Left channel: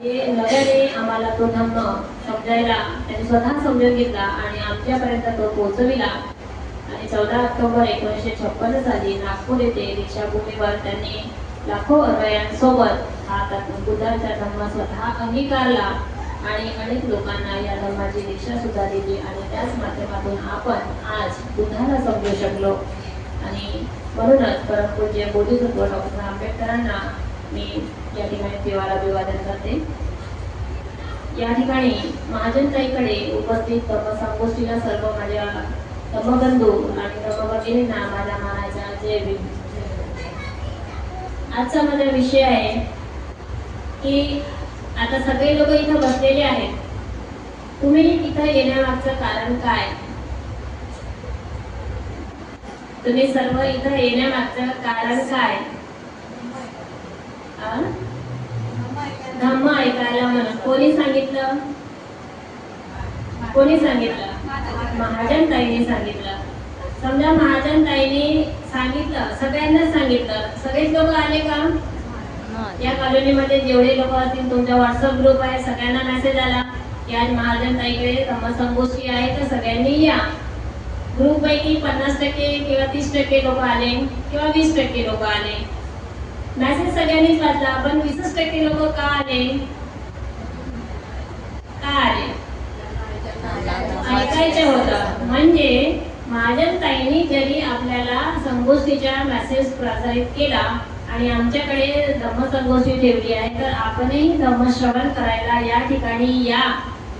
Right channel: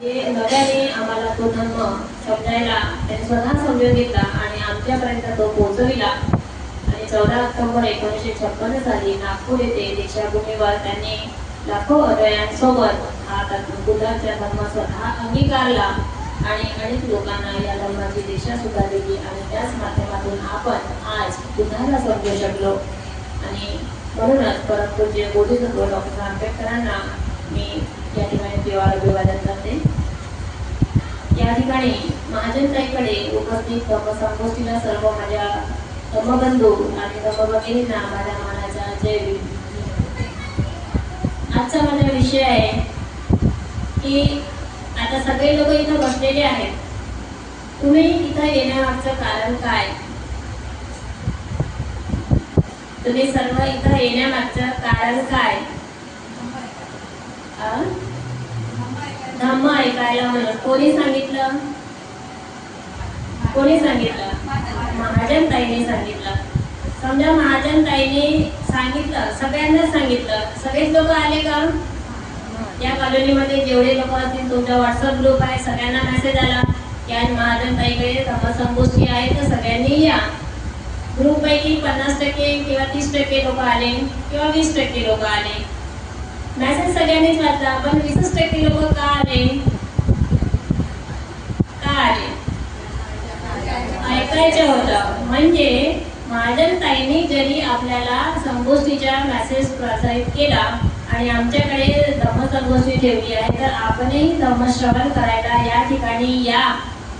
नव्याने आम्हाला तो धम्म समजायला त्यांनी स्वतः समजून घेतला आणि आमच्यापर्यंत तो पोहोचविला. आणि 14 ऑक्टोबर 1956 साली नागपूर येथे दीक्षाभूमीवर त्यांनी लाखो अनुयायांसोबत हा बुद्धांचा धम्म स्वतः अंगीकारला आणि अनेक लोकांना या धम्माची दीक्षा सुद्धा दिली. आणि त्याच माध्यमातून आपण आज बुद्धाला समजू शकलो. आणि म्हणूनच परमपूज्य बोधिसत्व डॉक्टर आंबेडकरांना मी या ठिकाणी पिवारा अभिवादन करते. या ठिकाणी महाजनताईकडे उपस्थित धम्मसंगोष्ठीला सर्व माझ्या धम्मबंधू आणि धम्मभगिनींना माझ्या मानाचा जय भीम. आजचा माझा विषय आहे की आता सगळे लोक इथं बसलेले आहेत. तुम्ही इथं येण्यामागचं कारण काय? तुम्ही सर्व इथं येण्यामागचं कारण काय? धम्म ऐकायला म्हणून. कोणी सांगितलं? कोणी सांगितलं? महाजनताईंनी सांगितलं. समजा महाजनताईंनी सांगितलं, सगळ्यांनाच सांगितलं. सगळेच लोक आले का? या कॉलनीमध्ये जेवढे लोक असतील, तुमचा व्हॉट्सअप ग्रुप आहे, सगळ्यांना मेसेज आला की आज महाजनताईकडे धम्मसंगोष्ठी आहे तर सगळ्यांनी या. ग्रुप पैकी 50% किंवा 30% लोक आले किंवा 20% लोक आले. मेसेज सगळ्यांनीच वाचला, पण 20% लोक का आले? का आले? ऐकायचं होतं. म्हणजे महाजनताईंनी जरी आपल्याला संगोष्ठीचा मेसेज प्रसारित केला आणि आमच्याकडे धम्मसंगोष्ठी ठेवली आहे तर आपणही धम्मश्रवण करायला या ठिकाणी या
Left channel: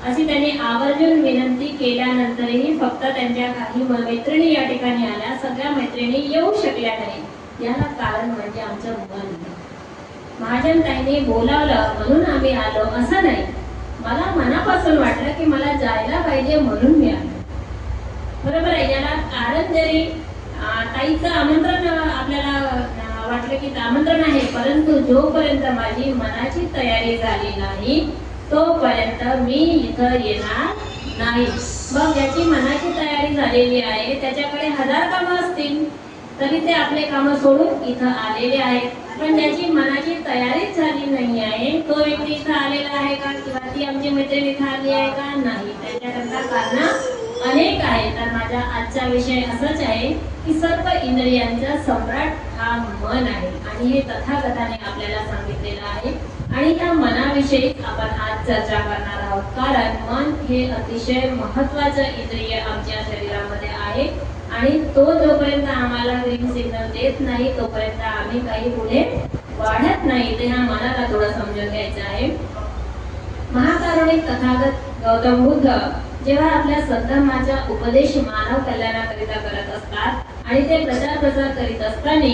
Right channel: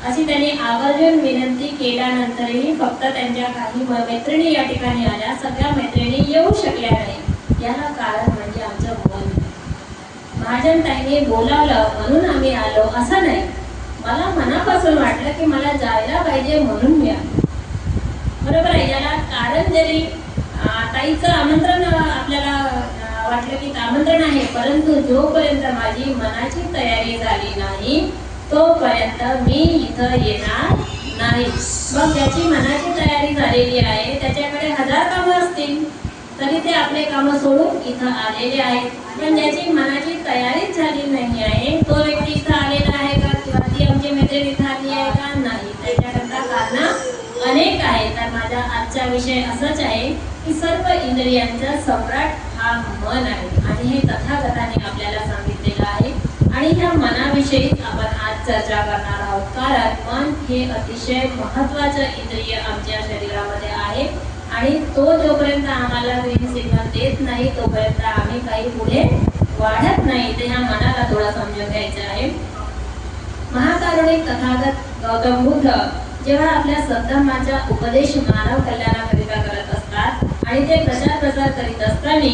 अशी त्यांनी आवर्जून विनंती केल्यानंतरही फक्त त्यांच्या काही मैत्रिणी या ठिकाणी आल्या. सगळ्या मैत्रिणी येऊ शकल्या नाही. याला कारण म्हणजे आमचं मन. महाजनताईंनी बोलावलं म्हणून आम्ही आलो असं नाही. मला मनापासून वाटलं की मला जायला पाहिजे म्हणून मी आलो. बरोबर आहे. याला कारण जरी ताईचं आमंत्रण आपल्याला वाटलं की आमंत्रण आहे, परंतु जोपर्यंत माझी मनाची तयारी झाली नाही तोपर्यंत मी इथं येणार नाही. मग त्याची मनाची तयारी झालेली आहे, त्याच्याकडे 1000 कामं असतील तरी ते आपले कामं सोडून इथं आलेले आहेत. पण ज्याची मनाची तयारीच झाली नाही आहे तो व्यक्ती इथं आलेला आहे का? किंवा ती आमची मैत्रीण इथं आली आहे का? नाही. त्याच्याकरता कारण अनेक आहेत. तर माझा आजचा विषय असाच आहे की सर्व इंद्रियांचा सम्राट हा मन आहे आणि हे तथागताने आपल्याला सांगितलेलं आहे. आणि ह्या मनाविषयी आपण आज चर्चा करणार आहोत. कारण मन हे अतिशय महत्त्वाचं इंद्रिय आमच्या शरीरामध्ये आहे आणि तो जोपर्यंत आम्हाला ग्रीन सिग्नल देत नाही तोपर्यंत आम्ही काही पुढे वाढत नाही. ते ह्या मनाला थोडं समजून घ्यायचं आहे. महाकारुणिक तथागत गौतम बुद्ध जेव्हा आपल्या सद्धर्माचा उपदेश मानव कल्याणाकरिता करत असतात आणि ते प्रसार करीत असताना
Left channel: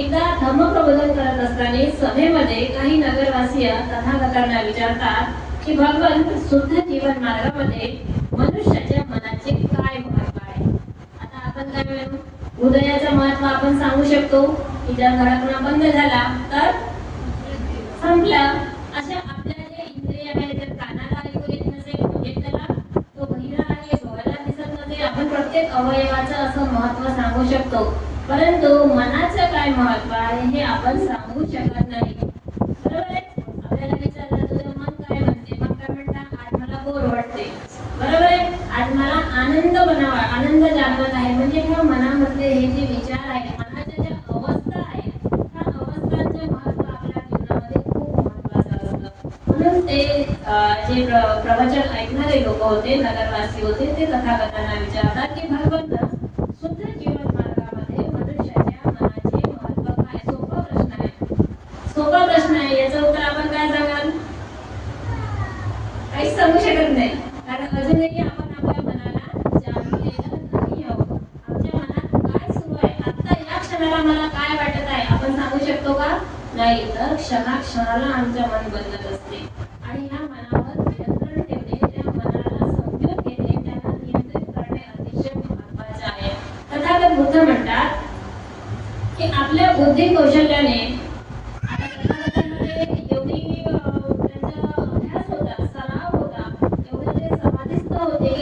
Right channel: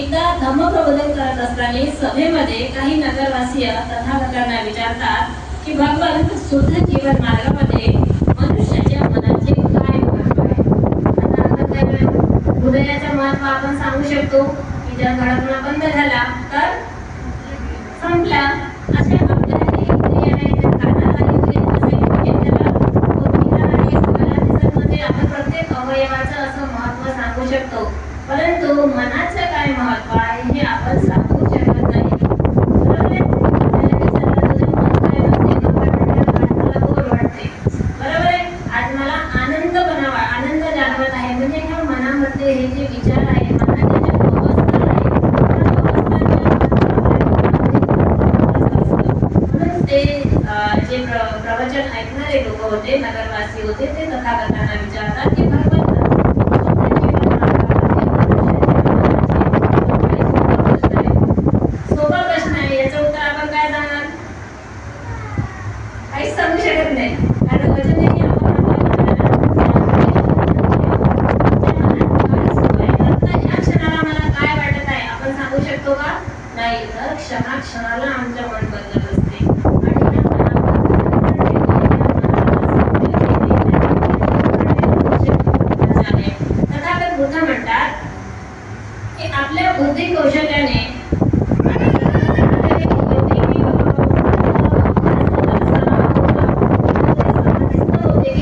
एकदा धम्मप्रबोधन करत असताना सभेमध्ये काही नगरवासीय तथागतांना विचारतात की भगवान शुद्ध जीवन मार्गामध्ये मनुष्याच्या मनाचे काय महत्व आहे? आता आपण काय हृदयाचं महत्व आपण सांगू शकतो की ज्या धडकणा बंद झाला तर संपला. असे आपल्या जे इंद्रिय आहे ते कानाला आपण प्रत्येक अवयवाचं असं महत्व सांगू शकतो, परंतु मनाचं काय महत्व आहे हे आपण सांगू शकत नाही. बरोबर आहे. आपल्याला विचारलं तुझं मन काय वाटते? आज मला बोर वाटते. बरोबर आहे. आज मला आनंद बनावा, आनंद जाणवत आहे. म्हणजे ह्या मनामधले हे जे विचार आहे, मनाच्या ज्या अवस्था आहे, म्हणून ते जे प्रवचन ऐकणारे लोक होते, नगरवासी होते, ते तथागतांना विचारतात की भगवान सोपा प्रश्न आहे, याचं उत्तर आपण काय सांगाल? काहीच सांगू शकत नाही. कारण वचनही आपण या क्षणाला मला काय वाटत आहे आपण सांगू शकतो का? नाही. तर क्षणाला आमच्या मन बदलत असते आणि तथागत बुद्ध म्हणतात की आपल्या बुद्धी कौशल्याने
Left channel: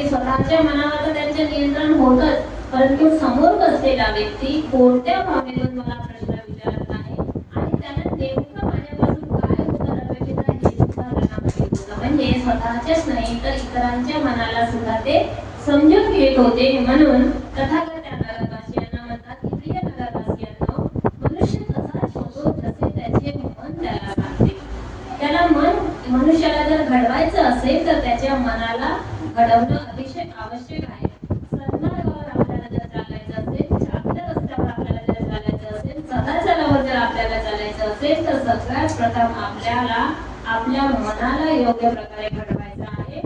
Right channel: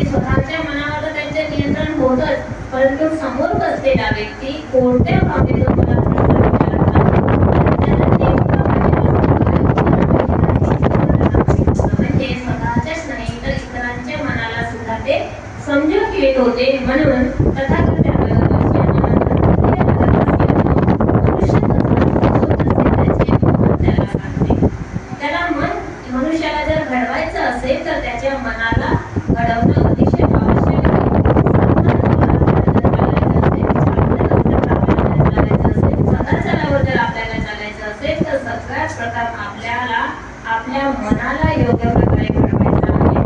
स्वतःच्या मनावर त्यांचे नियंत्रण होतच, परंतु समोर बसलेला व्यक्ती कोणत्या भावनेतून मला प्रश्न विचारत नाही ते स्वतःच्याच नाही तर इतरांच्या मनाला सुद्धा ते समजून घेत होते. म्हणून तथागत त्याला त्याला मन मनुष्याला जर घडवायचं असेल तर त्याच्या मनाला घडवणं अतिशय आवश्यक आहे. आपल्याला चालायचं असेल तर सगळ्यात प्रथम आपल्याला आपल्या मनाला योग्य प्रकारे घडवायचं आहे.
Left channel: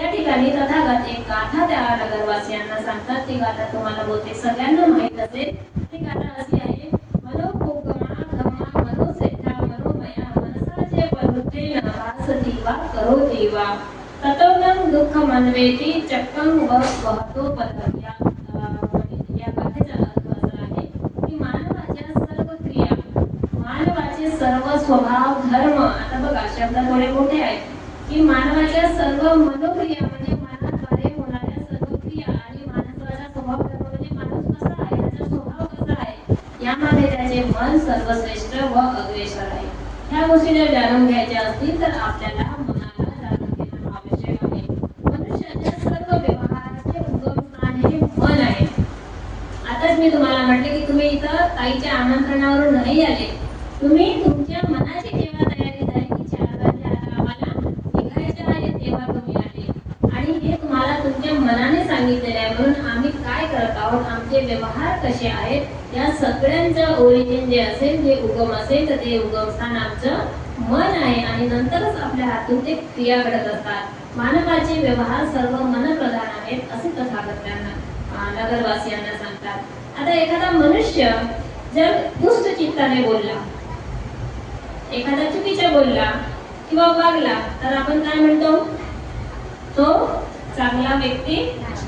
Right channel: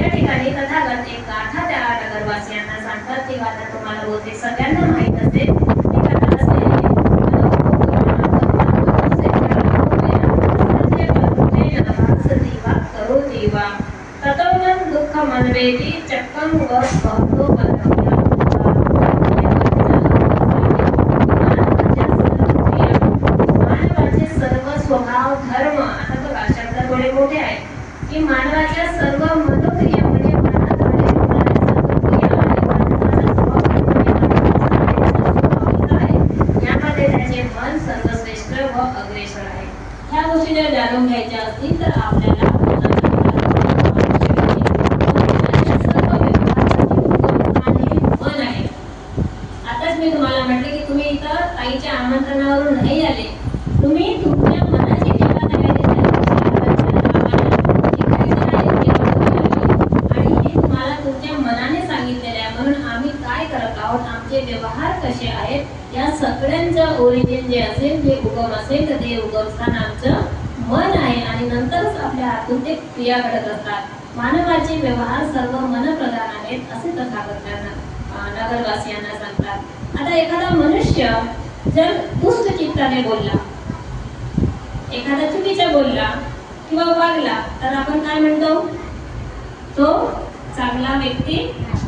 या ठिकाणी तथागत एक गाथा त्या नगरवासियांना सांगतात. ती गाथा तुम्हाला बहुतेक सगळ्यांना माहीत असेल. ती गाथा असते ततोनं दुःख मनवेती चक्कं व बहतो पदव्या. मानवाचे सर्व स्वभाव धर्म, आता बघा शब्द थोडे मोठे आहेत, की मानवाच्या सर्व मनोक्रिया म्हणजे मनात यामध्ये त्याचे मन सर्वश्रेष्ठ व अग्रेसर आहे. ह्या गोष्टी जर जाणून घ्यायच्या असतील तर आपल्याला मी तुम्हाला म्हटले की तुम्ही इथं ताईच्या आमंत्रणावरून नाही आले. तुम्ही तुमच्या मनाची जेव्हा तयारी आणि हे तुम्हाला तुमच्या मनाने सांगितलेले आहे. म्हणून आम्ही काय करत आहोत, आमचे व्यवहार कसे आहेत, या सगळ्यांचं ओरिजिन जे असेल, जे उगम असेल तर ते उगमस्थान आमचं मन आहे आणि नंतरच आपल्या हातून ते क्रिया घडत असतात. मानवाचे व्यवहार सर्व मनप्रधान आहेत असे तथागत नगरवासियांना सांगतात. आता एखादा मनुष्य जर दुष्ट चित्ताने बोलला, एखादा चुकीचा बोलला किंवा वागला तर आपण काय म्हणतो, तो चांगला व्यक्ती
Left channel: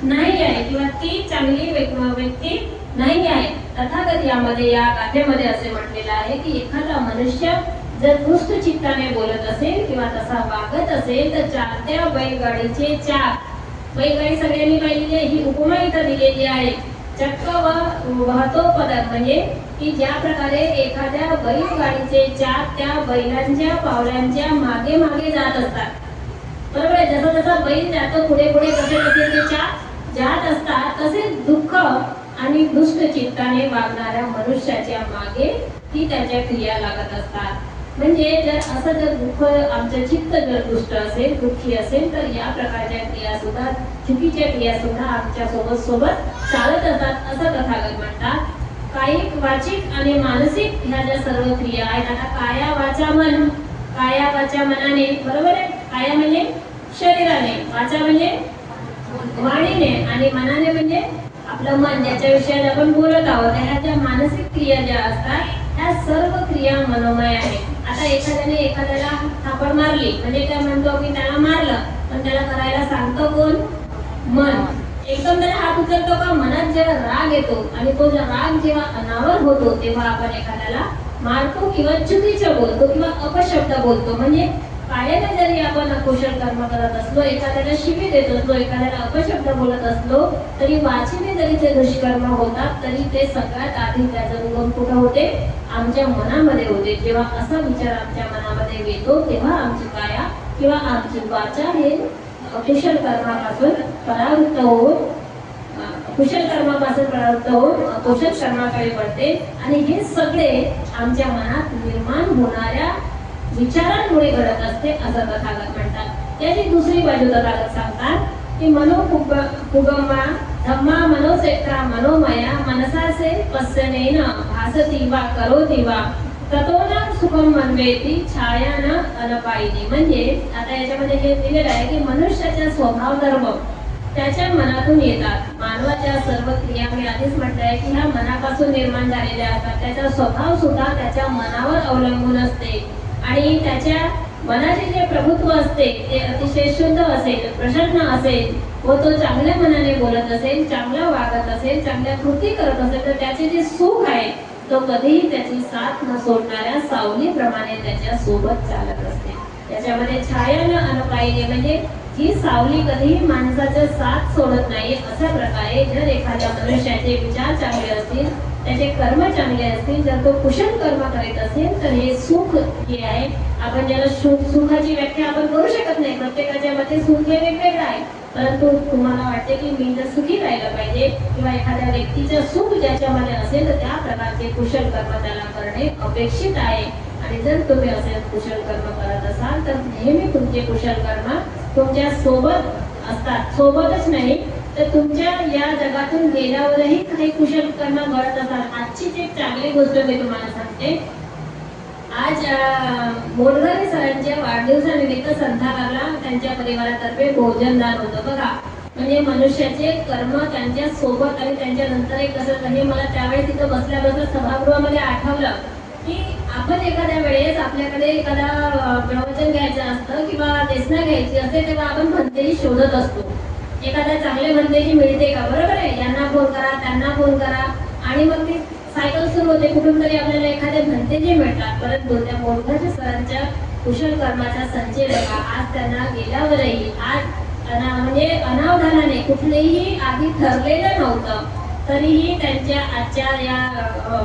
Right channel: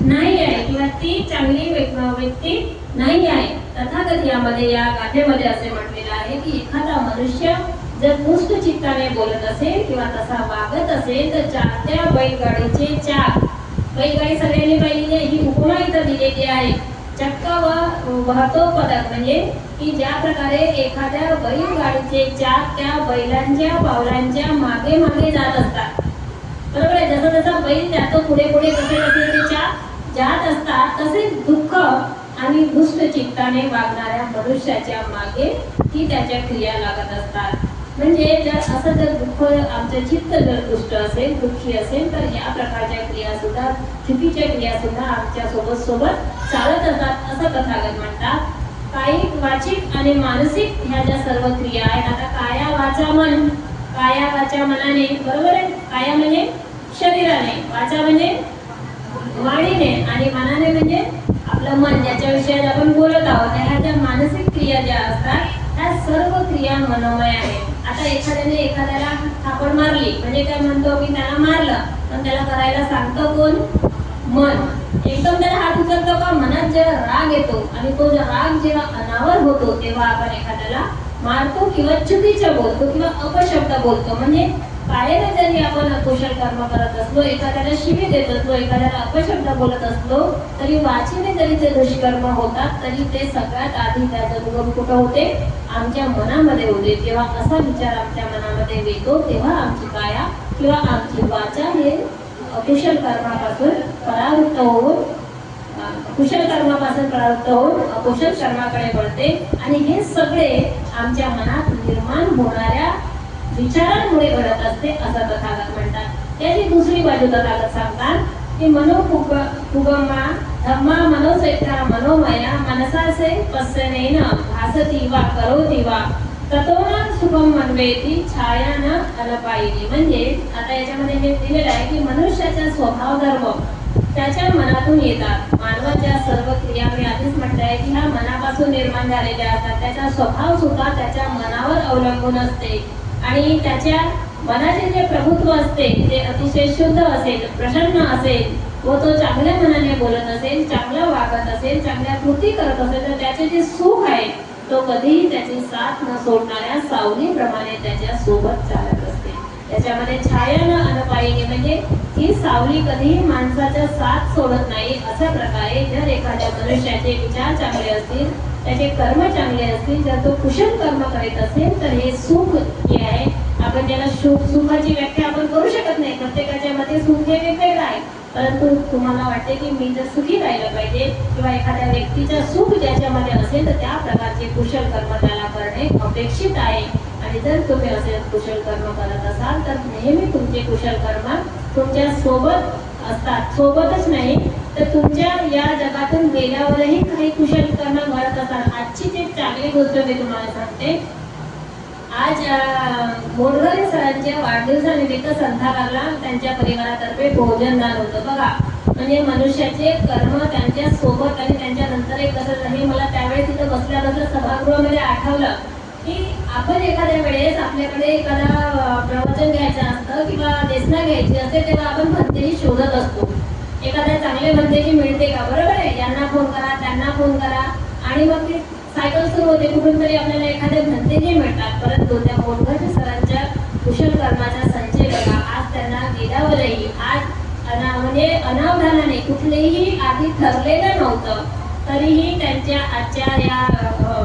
नाही आहे किंवा ती चांगली व्यक्ती नाही आहे. तथागत यामध्ये या गाथेमध्ये असे म्हटलेलं आहे की एखादा मनुष्य जर दुष्ट चित्ताने बोलत असेल किंवा तसा वागत असेल तर चालत्या बैलगाडीचे चाक, बैलगाडी सगळ्यांनी पाहिलेली आहे, ही उपमा इथं दिलेली आहे. चक्क व वाहतो पदक म्हणजे की ज्या प्रकारे एखाद्या बैलगाडीचे चाक त्या बैलांच्या पावलांच्या मागे मागे जात असतात, बरोबर आहे. जसं जसं बैल जातो पुढे पुढे कसे कसे ते चाक जात असतात, तसेच दुःख आणि दुष्ट चित्ताने वागणाऱ्या मनुष्याच्या मागे ही त्याच्या क्रिया लागत असतात. म्हणजे जर असं जर दुःख, आमचं चित्त जर दुष्ट असेल, दुःखी असेल तर या प्रकारच्या क्रिया सुद्धा, चुकीच्या क्रिया सुद्धा आमच्या सोबत चालत असतात असं तथागत म्हणतात. कायिक, वाचिक आणि मानसिक ह्या ज्या सर्व क्रिया आहेत, आता काया वाचा मन, काया वाचा मनाने, बरोबर आहे. काया म्हणजे शरीराने, वाचा म्हणजे वाणीने आणि मनाने म्हणजे आपलं मन, ज्याच्या विषयात आपण बोलत आहोत. ह्या ज्या मानसिक क्रिया ज्या असतात ह्या सर्व क्रिया मनोमय आहेत. आता एखाद्याने एखाद्याला थापड मारली म्हणजे काय म्हणतो की त्याला मारलं, पण त्याला करायला सांगतो कोण, मन. एकदम त्याला हात उचलतो का, मनात जेव्हा राग येतो आणि तो राग जेव्हा अनावर होतो तेव्हा आपण एखाद्याला मारतो किंवा चुकीचं बोलतो किंवा अपशब्द बोलतो. म्हणजे कायेने जरी आपण अकुशल कर्म करत असलो, एखाद्याला शिवी देत असलो, एखाद्याला अपशब्द बोलत असलो, तरी वाचीने जरी ते दुष्कर्म होतात तरी ते सगळ्यात आधी त्याचं उगम कुठं होते, आमच्या मनामध्ये होते. जेव्हा असा विचार आमच्या मनामध्ये येतो तेव्हा आमची काया किंवा आमची वाचा हे अकुशल कर्मापासून परावृत्त होऊन अकुशल कर्माकडे वळते आणि हे सगळे आमच्या मनात निर्माण होणाऱ्या विचारांमुळे घडत असते असं तथागत म्हणतात. याची दुसरी बाजू तथागत सांगतात की मनोपुगमा धम्मा मनोसेत्रा मनोमया मनसासे पश्यनेन भासती वा करोती वा ततोना सुखम मनवेती छाया न अनपायिनी. म्हणजे आता याच्यामध्ये हे दिलेलं आहे की मनुष्याचा स्वभाव धर्म त्याच्या मनातून येतात. मानवाच्या सर्व क्रिया मी आधीच म्हटलं आहे की ह्या मनापासून निर्माण झालेल्या असतात. त्याचा स्वभाव सुद्धा त्याच्या मनावर अवलंबून असते आणि त्याच्या मनाचे जे प्रभुत्व असते ते अतिशय शुद्ध असेल, प्रसन्न असेल व तो चांगल्या मनाने बोलत असेल, चांगलं वागत असेल, चांगल्या कृती करत असेल तर त्याचे जे सुख आहे तो कधीही त्याची साथ न सोडणाऱ्या सावलीप्रमाणे त्याच्या सोबत चालत असते. त्याच्यामध्ये छाया न अनपायिनी म्हणजे ही सावली कधीही माणसाच्या साथ सोडत नाही. अशा प्रकारे जर एखाद्या मनुष्याचे विचार चांगले असतील, त्याचे कर्म चांगले असतील, जर तो कुशल कर्म करीत असेल तर हे सुख जे आहे, आपण ज्याला सुखाची व्याख्या आपण करू शकत नाही, प्रत्येकाच्या मते सुख हे वेगवेगळं आहे, परंतु तुम्हाला वाटते की मी जर सुखी राहिलं पाहिजे किंवा एखाद्या व्यक्तीचं सुख ज्याच्यामध्ये असेल तर त्या प्रकारचे कुशल कर्म त्याला करणे अपेक्षित आहे. आणि जर तुम्ही असे कुशल कर्म करत असाल तर नेहमी तुमचे कुशल कर्म तुमच्या सोबत असतात, सोबतच नाही तर तुमच्या या जगातून गेल्यावरही काही कुशल कर्म घडत असतात. आजचीच एक चांगली गोष्ट मी तुम्हाला सांगते. आज मोडघरे सरांच्या वाढदिवसानिमित्त संध्याकाळला त्यांच्या परिवारातर्फे भोजनदान होतं बघा. म्हणजे मनुष्याचे कर्म त्यांच्या सोबत आणि त्यांच्या नंतरही कसं, हे मला त्यावेळेस तिथं बसल्या सभागृहामध्ये आठवलं की आपण एखाद्या वेळेस आपल्याकडे एखादा प्रवचन घ्यायचं असतं किंवा देसना घ्यायची असते तेव्हा आपण भंतेजी शोधत असतो. एखाद्या चांगले भंतेजी मिळते का, बरोबर आहे, यांना फोन करा त्यांना फोन करा आणि मग ती सायकल सुरू होते, कुठून तरी आपल्याला एखादे भंतेजी मिळतात. परंतु त्या मोडघरे सरांच्या कुशल कर्माचा संचय बघा, आज त्यांना गेल्यावरही आज म्हणजे अनावधानाने कुठलेही आधी ठरलेलं नव्हतं तरीही त्यांच्या आजच्या या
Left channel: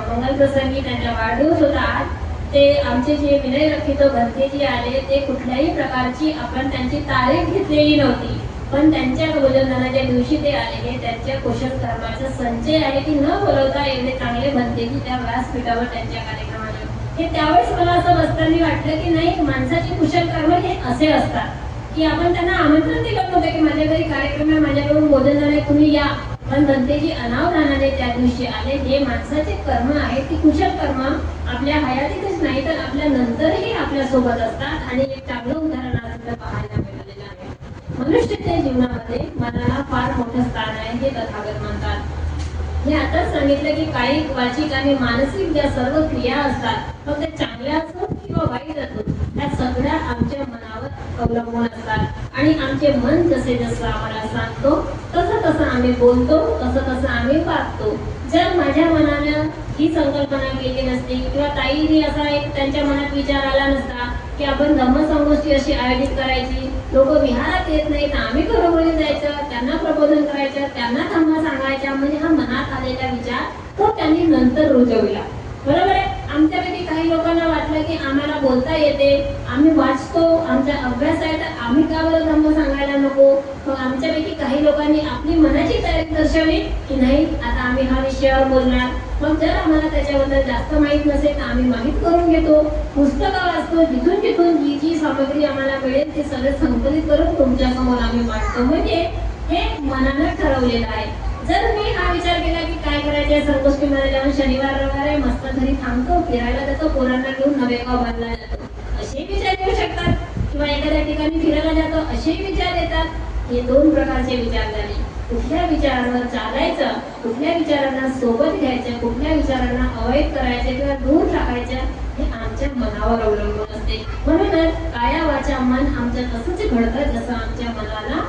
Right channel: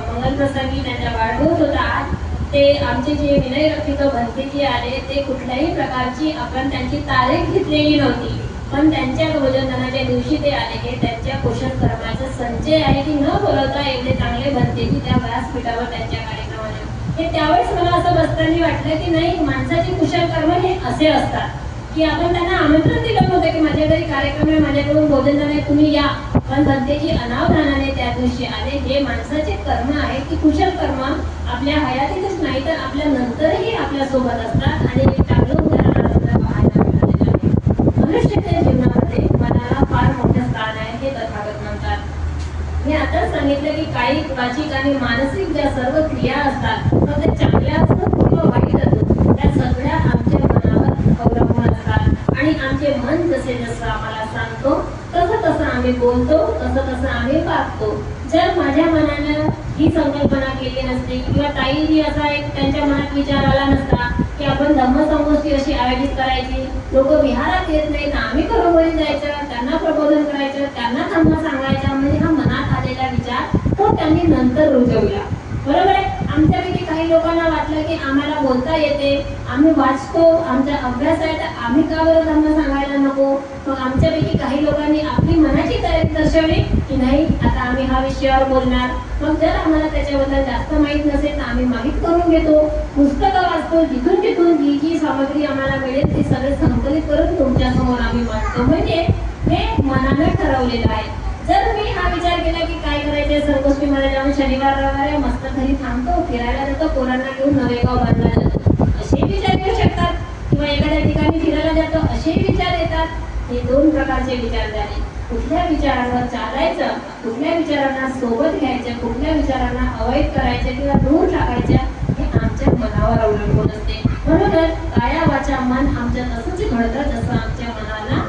मंगलप्रसंगी त्यांचा वाढदिवस होता. आज ते आमचे जे विनय रक्षित भंतेजी आले ते कुठल्याही प्रकारची आपण त्यांची तारीख घेतलेली नव्हती, पण त्यांच्या भोजनदानाच्या दिवशी ते आलेले त्यांच्या कुशल कर्माचा संचय आहे की न बोलवता एवढे चांगले भंतेजी त्या व्यासपीठावर त्यांच्या कार्यक्रमाला. हे त्यावेळेस मला असं बसताना वाटलं की नाही, माणसाची कुशल कर्म हे असे असतात की आपण त्यांना आमंत्रण दिलं नव्हतं की माझ्या घरी कार्यक्रम आहे, माझ्याकडून भोजनदान आहे, तुम्ही या, पण भंतेजी अनावधानाने त्या दिवशी आले. हे माणसाचे कर्म आहे की कुशल कर्म आपल्या हयातीतच नाही तर आपल्या नंतरही आपल्या सोबत असतात. आणि एक चांगलं उदाहरण आपल्याला पाहायला मिळालेलं आहे. मनुष्याच्या जीवनामध्ये मनाला फार मोठे स्थान आहे हे तथागत म्हणतात. मी आता सांगितलं की कायिक, वाचिक आणि मानसिक ज्या सर्व क्रिया असतात, मग ते चांगल्या असतात किंवा वाईट असतात, त्या सगळ्या आमच्या मनावर अवलंबून असतात. आणि आमचे मन जसे जसं आम्हाला सांगतो तसं तसं आम्ही बोलतो, तसं तसं आम्ही वागतो. जर माझ्या मनानं ही संकल्पना केली नसती किंवा ताईंनी असा एक त्यांच्या मनात विचार आला नसता की आपण धम्मसंगोष्ठी अशी आयोजित करायची, लोक विहारात येत नाही तर आम्ही घरोघरी जायचं, त्यांना प्रबोधन करायचं, त्यांना धम्म सांगायचा, म्हणजे हा मनात आलेला विचार तो त्यांनी नंतर रुजवला, बरोबर आहे. आमच्यापैकी काही लोकांना वाटलं की आम्हाला बोलता येते, आम्ही वाचतो, आमचा अभ्यास आहे, तर आम्ही का बरं धम्म सांगायला नको. मग आमच्यापैकी काही लोकांनी आपली मनाची तयारी दर्शवली की नाही आता आम्ही हा विषयावर बोलणार. मग जर आम्हाला त्याच्याबद्दल जास्त माहीत नसेल तर आम्ही माहीत करून घेतो, पुस्तकं वाचतो, जिथून जिथून जी जी सामग्री आम्हाला मिळेल ती सगळे संकलित करून तुमच्या समोर आम्ही मांडतो. म्हणजे हे मनानं ठरवलेलं आहे. जर मी हा विचार केला की काय करायचे, संगोष्ठीमध्ये जाऊन शनिवार रविवार मस्त घरी थांबतो, फिरायला जातो, पोरांना घेऊन नवेगाव बांधला जातो, असे विचार येऊ शकतात. किंवा एखाद्या ठिकाणी फिरायला जातो असे विचार येतात. हे दोन प्रकारचे विचार झाले. कुठल्या विचारांवर चालायचं, कुठल्या विचारांना सोबत घ्यायचं, कुठल्या विचारांना अवॉइड करायचं किंवा दूर टाकायचं हे आमच्या मनावर अवलंबून असते. म्हणूनच काया वाचा मन आमचं तसंच घडतं जसं आमच्या मनाला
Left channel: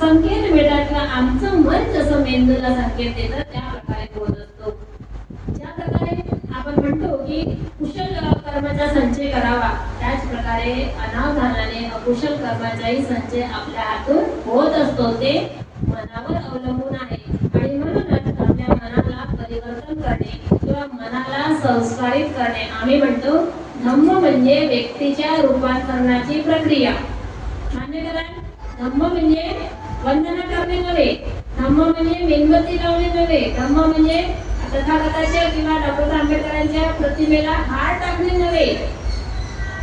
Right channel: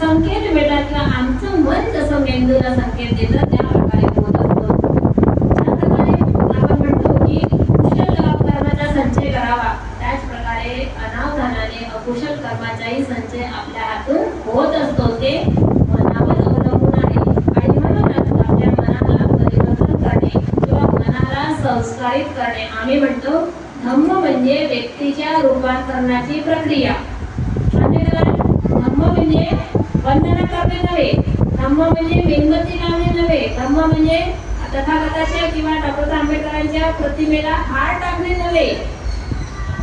संकेत मिळतात किंवा आमचं मन जसं मेंदूला संकेत देतं त्या प्रकारे होत असतो. ज्या प्रकारे आपण म्हणतो की कुशल कर्माचा संचय करावा, त्याच प्रकारे अनावधानाने अकुशल कर्माचाही संचय आपल्या हातून होत असतो. ते मनावर अवलंबून आहे. आणि म्हणूनच आपल्या मनाला परिवर्तन करणे किंवा मनाला संस्कारित करणे, आम्ही म्हणतो धम्म म्हणजे व्यक्तीच्या रूपांतरणाची प्रक्रिया. धम्म म्हणजे वंदना करणे नव्हे, धम्म म्हणजे मेणबत्ती लावणे नव्हे, धम्म म्हणजे तथागताच्या किंवा डॉक्टर आंबेडकरांच्या प्रतिमेला हार टाकणे नव्हे,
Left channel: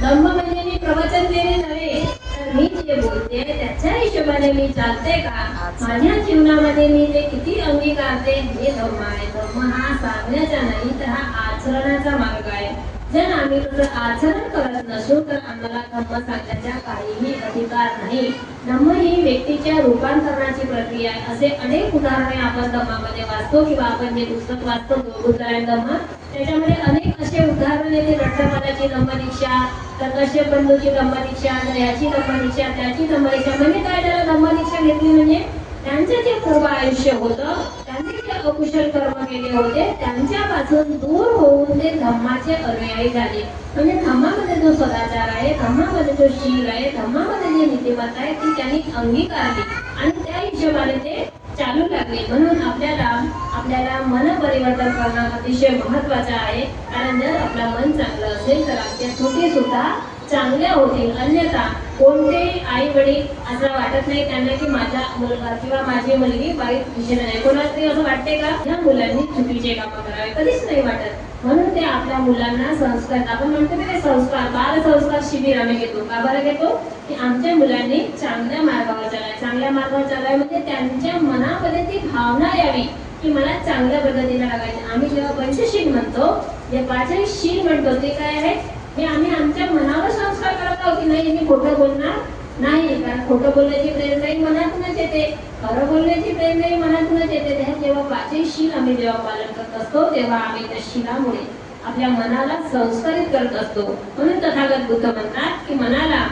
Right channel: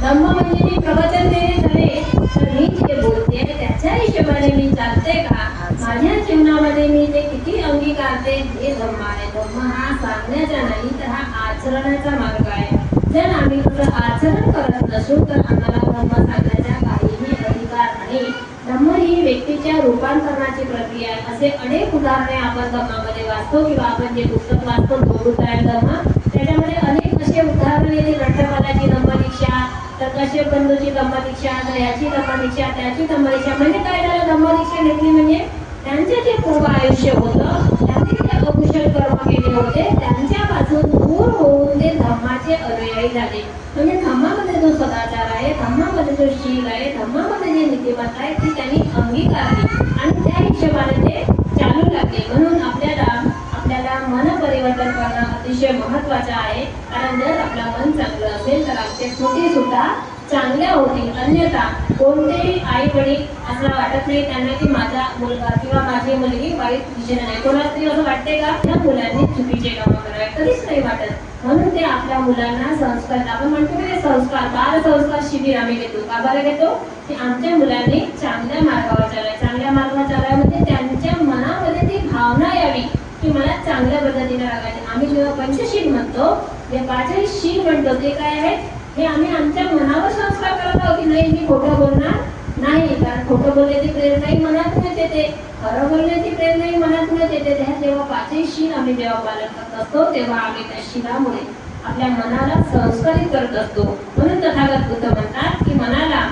धम्म म्हणजे मी प्रवचन देणे नव्हे, तर मी जे बोलते त्याच्या हिशोबाने मी चालते का, माझ्या जीवनामध्ये मी जे किती अंगीकारते हे धम्म आहे. धम्म हा सांगण्याचा नाही तर हा आचरणाचा मार्ग आहे. जर आम्ही आचरण करत नसू तर आम्हाला धम्म सांगण्याचा काहीही अधिकार नाही. धम्म ही व्यक्तीच्या रूपांतरणाची प्रक्रिया आहे. असे अनेक उदाहरणे आपण धम्मामध्ये वाचतो किंवा आपण जे पुस्तक वाचतो गुरुतायन धम्म, त्याच्यामध्ये अनेक असे उदाहरण येते. लठ्ठमालाची धम्मदीक्षा, तर कश्यप बंधूची धम्मदीक्षा, तर याची धम्मदीक्षा, त्याची धम्मदीक्षा. म्हणजे काय झालं, धम्मदीक्षा घेतली म्हणजे त्यांचे जे पूर्व आयुष्य होतं, त्यांनी जे अकुशल कर्म केले होते त्यांच्यापासून दूर होऊन ते धम्माचे अनुयायी झाले. म्हणजे धम्मामध्ये जो सदाचार आहे, धम्मामध्ये जो शील आहे, धम्मामध्ये जी नीतिमत्ता आहे ती त्यांनी अंगीकारली आणि त्या हिशोबाने ते चालू लागले. म्हणून आपल्याला आपल्याला मन परिवर्तन करणं अतिशय महत्त्वाचं आहे. कारण जर आपलं मन चांगलं असेल तर आपल्या कृती सुद्धा चांगल्या होतील. अन्यथा कोणतेही आई वडील असं वाटत नाही त्यांना की माझा मुलगा किंवा माझी मुलगी वाईट दिशेने नाही. कोणाला तरी असं वाटते का या मुलांनी चुकीचे कामं करावे? कधीच नाही वाटत. म्हणून ते आपल्या मुलांना संस्कार, आपण म्हणतो की ते संस्कार, बाल संस्कार शिबिर आम्ही घेतो. का बरं घेतो? की आमच्या मुलांनी चांगल्या मार्गावर चालावे. चांगल्या मार्गावर चालावे म्हणजे त्यांच्या मनामध्ये ती भावना यावी की मला चांगल्या पद्धतीने राहायचे. आम्ही जेव्हा पंचशील म्हणतो, जे पाचही शील म्हणतो ते काय आहे? हे आम्ही आमच्या मनावर संस्कार करत आहोत की नाही मी खोटं बोलणार नाही. कारण खोटं बोलण्याची प्रेरणाही मनातूनच येते, खरं बोलण्याची प्रेरणाही मनातूनच येते. त्या जेव्हा पाचही शील आम्ही जेव्हा पालन करत असतो तेव्हा आम्ही त्या शीलामुळे आपल्या मनाला संस्कारित करत असतो. म्हणून तथागत बुद्ध म्हणतात की मनाला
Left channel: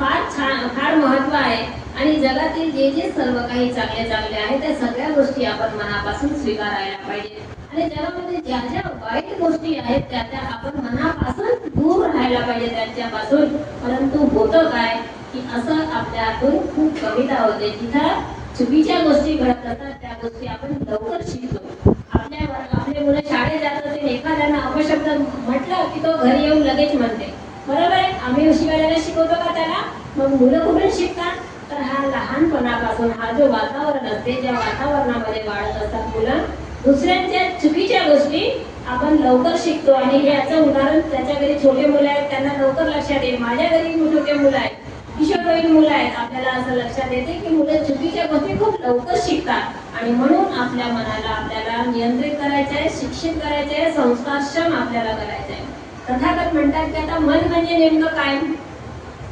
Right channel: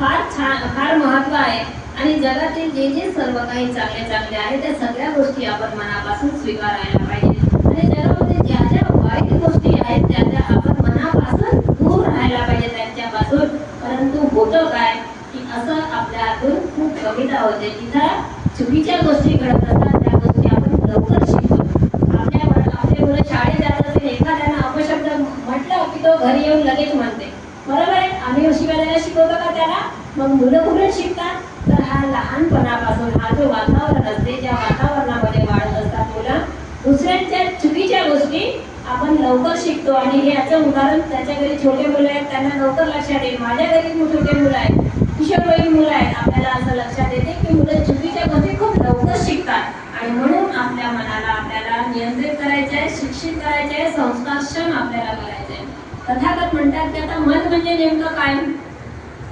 फार महत्व आहे आणि जगातील जे जे सर्व काही चांगले आहे त्या सगळ्या गोष्टी आपण मनापासून स्वीकारायला पाहिजे. आणि जगामध्ये ज्या ज्या वाईट गोष्टी आहेत त्या आपण मनापासून दूर राहायला पाहिजे त्यांच्यापासून. परंतु होतं काय की असं आपल्या हातून खूप कविता होते. जिथं चुकीच्या गोष्टी घडत असतात त्या गोष्टी आपण लवकर शिकतो. आपले मुलं शाळेत जात असेल, एखाद्यानं अपशब्द म्हटलं की तो घरी येऊन लगेच म्हणते. बरोबर आहे, आम्ही शिवायला शिकवतो का त्याला? मग मुलं कुठून शिकतात? तर हा लहानपणापासून हा जो वातावरण असते, ज्या वातावरणामध्ये वाढत असतात मुलं, दुसऱ्यांच्या चुकीच्या गोष्टी आपण लवकर शिकतो. आणि हे याचं उदाहरण त्याच्या घरी छोटे मुलं आहेत त्यांना लवकर लक्षात येईल. माझ्या घरी छोटे मुलं आहेत, किशोरवयीन मुलं आहेत, आपल्याला असं लक्षात येते की मुलं चुकीच्या गोष्टी खूप लवकर शिकतात. आणि म्हणून आपल्या मनाला आपल्याला नियंत्रित करायचे आहे, शिक्षित करायचे आहे, संस्कारक्षम आपल्याला करायचे आहे. तथागत म्हणतात की आता मन म्हणजे नेमकं काय?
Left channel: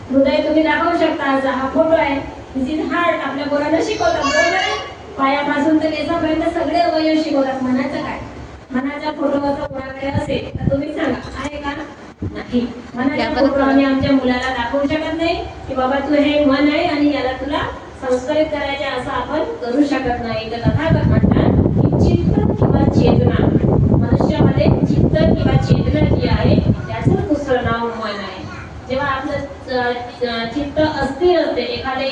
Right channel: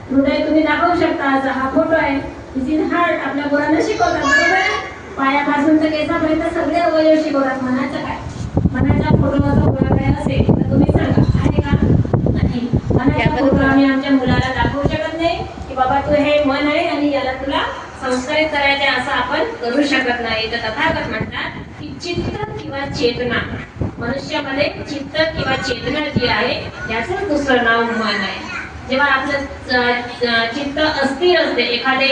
हृदय तुम्ही दाखवू शकता, असा हा फोटो आहे, दिस इज हार्ट. आपल्या पोरांना शिकवतात, बरोबर आहे, पायापासून तर केसापर्यंत सगळे अवयव शिकवतात. मनाचं काय? मनाचा फोटो असा कोणाकडे असेल तर तुम्ही सांगा, आहे का? नाही. मनाचा फोटो आम्ही आमच्या मुलाला दाखवू शकत नाही की बाबा तू हे मन आहे आणि याला तुला संस्कारित करायचे असं आपण करू शकत नाही. तर तथागत म्हणतात की चित्त किंवा चेतना, मनुष्यामध्ये चित्त किंवा चेतना जी आहे याचं दुसरं नाव मन आहे. जेव्हा आपलं चित्त अस्थिर असते, एखादी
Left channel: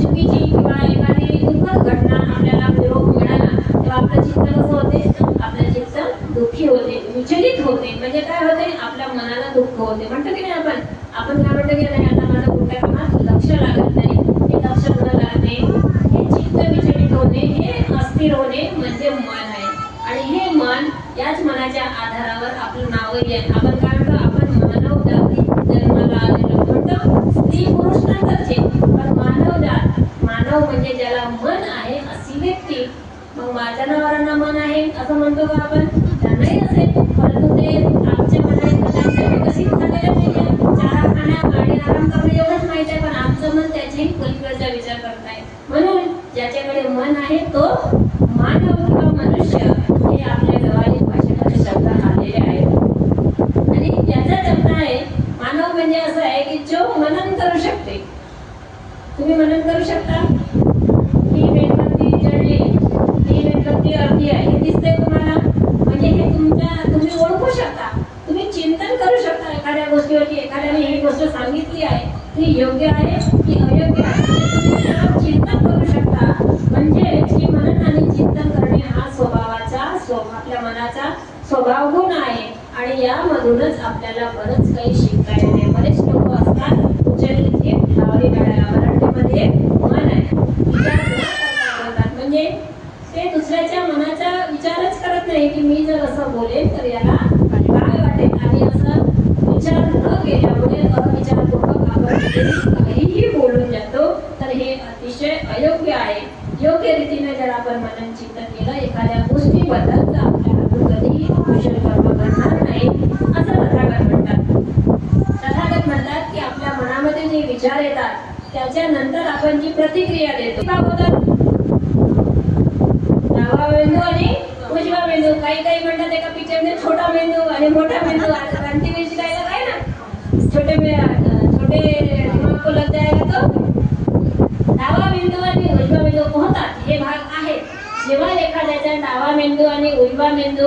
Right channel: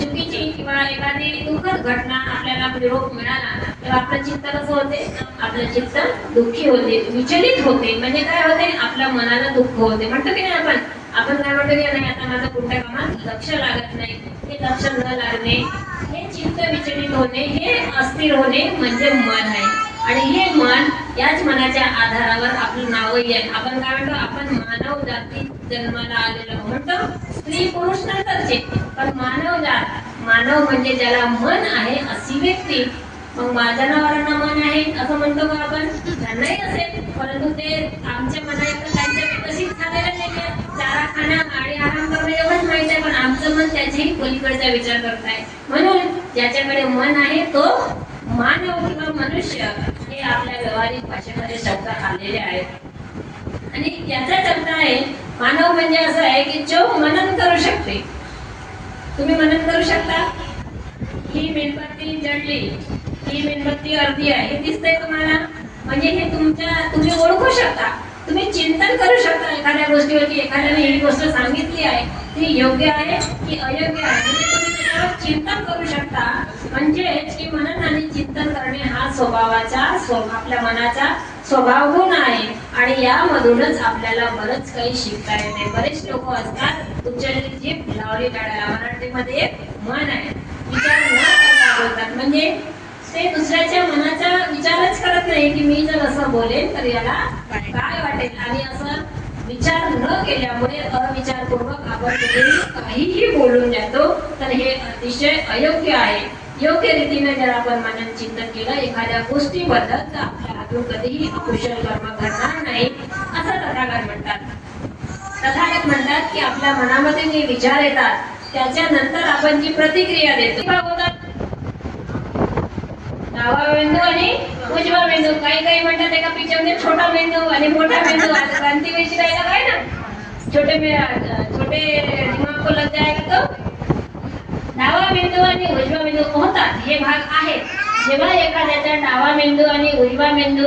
चुकीची किंवा एखादी दुःखद घटना आपल्याला निरोप मिळाला तेव्हा आपलं चित्त कसं होते? आपलं चित्त दुःखी होते, विचलित होते. म्हणजे काय होते? आपल्या मनाला दुःख होते. म्हणतो की नाही आपण काय म्हणतो की नाही आता माझं कोणत्या कामात लक्ष लागत नाही, हे लक्ष न लागणे, हे चित्त विचलित होणे, हे अस्थिर होणे म्हणजे मन आहे. आणि हे मन, याच मनाच्या आधारावर आपली नावही आहे. आपण काय म्हणतो? आपण मानव जाती जन्माला आलेलो म्हणतो, स्त्री पुरुष नंतरचे, पण मानव जात, मानव म्हणजे ज्याला मन आहे अशी व्यक्ती. मग जनावरांना मन आहे असं म्हणतो का आपण? त्यांनाही असेल, परंतु ते आमच्या मनात त्यांच्या विकसित झालेलं नाही. चारा खाणं आणि आराम करणं एवढंच माहिती आहे, पण आमचं मन त्याच्याही पलीकडचा विचार करताय. म्हणून ज्याच्याकडे मन आहे तो मानव किंवा मनुष्य हे आपल्या व्यावहारिक भाषेमध्ये शब्द आलेले आहेत. आणि याचाच अर्थ आहे मानव म्हणजे असं आहे की जो मनन करू शकते. तुम्ही मनन करू शकता? ही मेणबत्ती जळली, ही मेणबत्ती अर्धी आहे, हे दिसतंय तुम्हाला? म्हणजे हे तुम्ही ओळखू शकता, तुम्ही चिंतन करू शकता एखाद्या गोष्टीवरती. एखाद्याने ही गोष्ट सांगितली आहे ती योग्य आहे की अयोग्य आहे, तुम्ही चिंतन करू शकता. म्हणजे हे मनन आणि चिंतन करणे हा आपल्या मनाचा स्वभाव गुण आहे. आणि यामधूनच आपल्याला बरंच काही शिकता येते. बरेच लोक असतात तुमच्या जी लावली काढायला मराठीमध्ये मन आहे, विचार न करता बोलतात. म्हणजे ते दुसऱ्याच्या मनाचा विचारच करत नाही की मी जर असं बोलेन तर याला काय वाटेल, आणि असं विचार न केल्यामुळे अविचारपूर्वक आपण काहीही बोलून जातो. तर हे अतिशय अयोग्य आहे. योग्य रीतीने जर आपण मनन चिंतन केलं एखाद्या गोष्टीबद्दल तर आपल्या हातून कधीही कुशल कर्म घडणार नाही असं तथागत म्हणतात. तथागत म्हणतात की आपल्या मनामध्ये जे विचार येतात त्याच्यानंतर आपण जी प्रतिक्रिया देतो डावा मेंदू आणि उजवा मेंदू. काही म्हणतात एका पिक्चरमध्ये छोटा मेंदू आणि मोठा मेंदू. आता क्रांती वेळची जायला काय ना छोटे दिमाग को लग जाएगा तो डावा मेंदू आणि उजवा मेंदू होतात, हे भाग आहेत. जेव्हा एखाद्याचा डावा मेंदू आणि उजवा मेंदू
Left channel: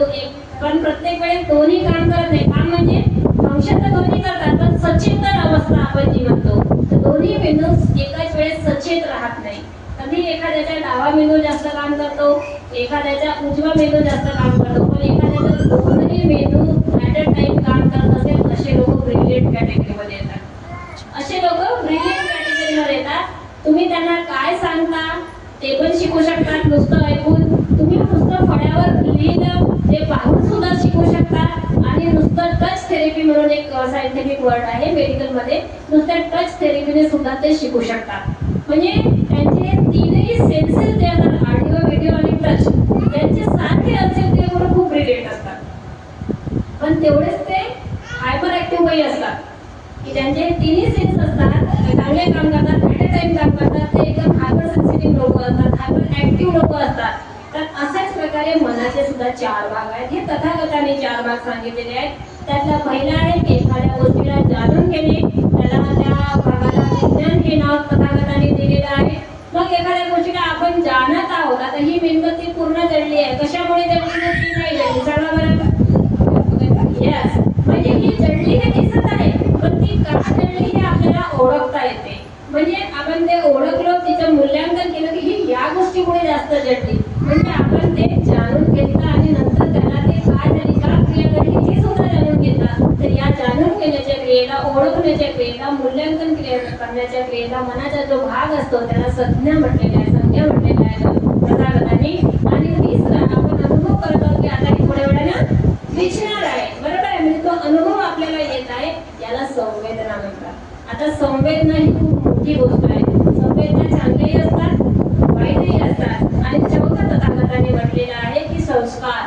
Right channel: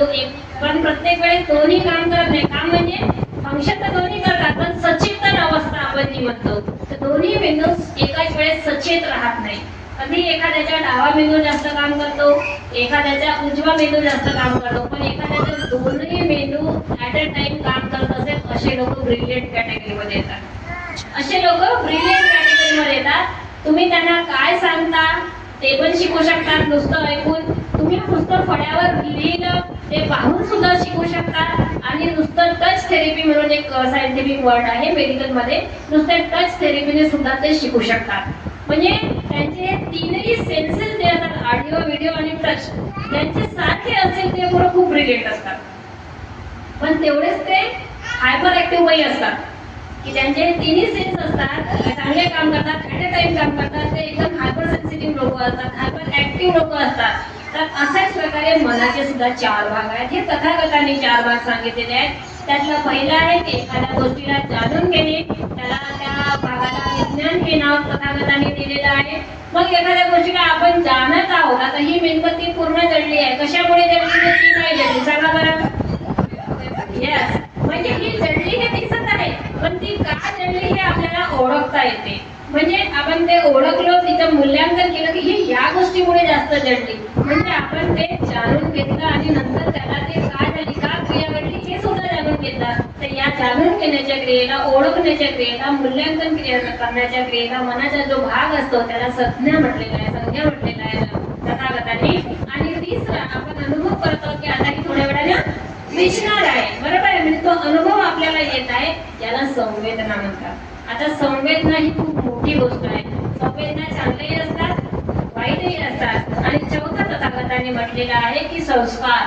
पण प्रत्येक वेळेस दोन्ही काम करत नाही. काम म्हणजे फंक्शन तर दोन्ही करतात, पण सचेतन अवस्था आपण जी म्हणतो तर दोन्ही मेंदू एकाच वेळेस सचेत राहत नाही. कधी एखाद्याच्या डावा मेंदू जास्त काम करतो, एखाद्याचा उजवा मेंदू जास्त काम करतो, पण एखाद्याचा दोन्ही मेंदू ऍट अ टाइम काम करत असेल असे लोक ब्रिलियंट कॅटेगरीमध्ये येतात. असे लोक ब्रिलियंट कॅटेगरीमध्ये येतात. तुम्ही त्यांना काय सांगता ते पण शिकू शकतात नुसतं ऐकून. तुम्ही नुसतं फळ्यावर लिहिलं ते पाहून सुद्धा शिकू शकता. आणि नुसतं टच थेरपी म्हणून एक सायंटिफिक वर्ड आहे मेडिकल मध्ये, नुसतं टच थेरपीने सुद्धा ते शिकू शकतात. म्हणजे त्यांचे तीनही सेन्सेस जे असतात, ऑडिओ, व्हिडिओ आणि टच, त्यांचे सारखे असेल ते बरोबर खूप ब्रिलियंट असतात. पण तेवढेच ते हायपर ऍक्टिव्हही असतात की त्यांचे तिन्ही सेन्स असतात, चांगले काम करतात, ऍट अ टाइम काम करतात. ते एकदम हायपर सेन्सिटिव्ह लोक असतात, हायपर ऍक्टिव्ह लोक असतात. तर अशाच प्रकारे मनाचे सुद्धा 4 भाग आहेत. हे तथागतांनी 4 भाग सांगितलेले आहेत. त्यातला पहिला आहे की एखाद्या गोष्टीला जाणून घेणे, त्याला त्या भागाला विज्ञान हे नाव तथागतांनी दिलेलं आहे. मग एखाद्या गोष्टीला आपण जाणत आहोत, आता ही मेणबत्ती पूर्ण जळली आहे, कशामुळे जळली, ती नाही जळली, सांगा बरं. यस, म्हणजे ही जळली हे दिसत आहे, पण ती का जळली हे आपल्याला ओळखता येते. म्हणजे आपण ते ओळखलो, तिचं मूल्यांकन केलं की ही या गोष्टीमुळे जास्त जळली, म्हणजे आपण ते जाणून घेतलं आणि नंतर त्याला ते का झाली, का क्रिया घडली हे सुद्धा जाणून घेतलं. तर या जाणून घेण्याच्या क्रियेला, ओळखण्याच्या क्रियेला, मूल्यांकन करण्याच्या क्रियेला मनाचा जो भाग असतो त्याला संज्ञा म्हटलेला आहे, संज्ञा म्हटलेला आहे तथागतांनी. आणि तिसरा आपण अनुभव करतो की आता ही थोड्या वेळाने दिसणार आहे, बरोबर आहे, म्हणजे तो अनुभव आपल्याला येत आहे, याला संवेदना म्हणतात. आता संवेदना ही खूप मोठी गोष्ट आहे. संवेदना चांगल्याही असतात, वाईटही असतात. आणि चौथा तथागतांनी म्हटलेला आहे की संस्कार,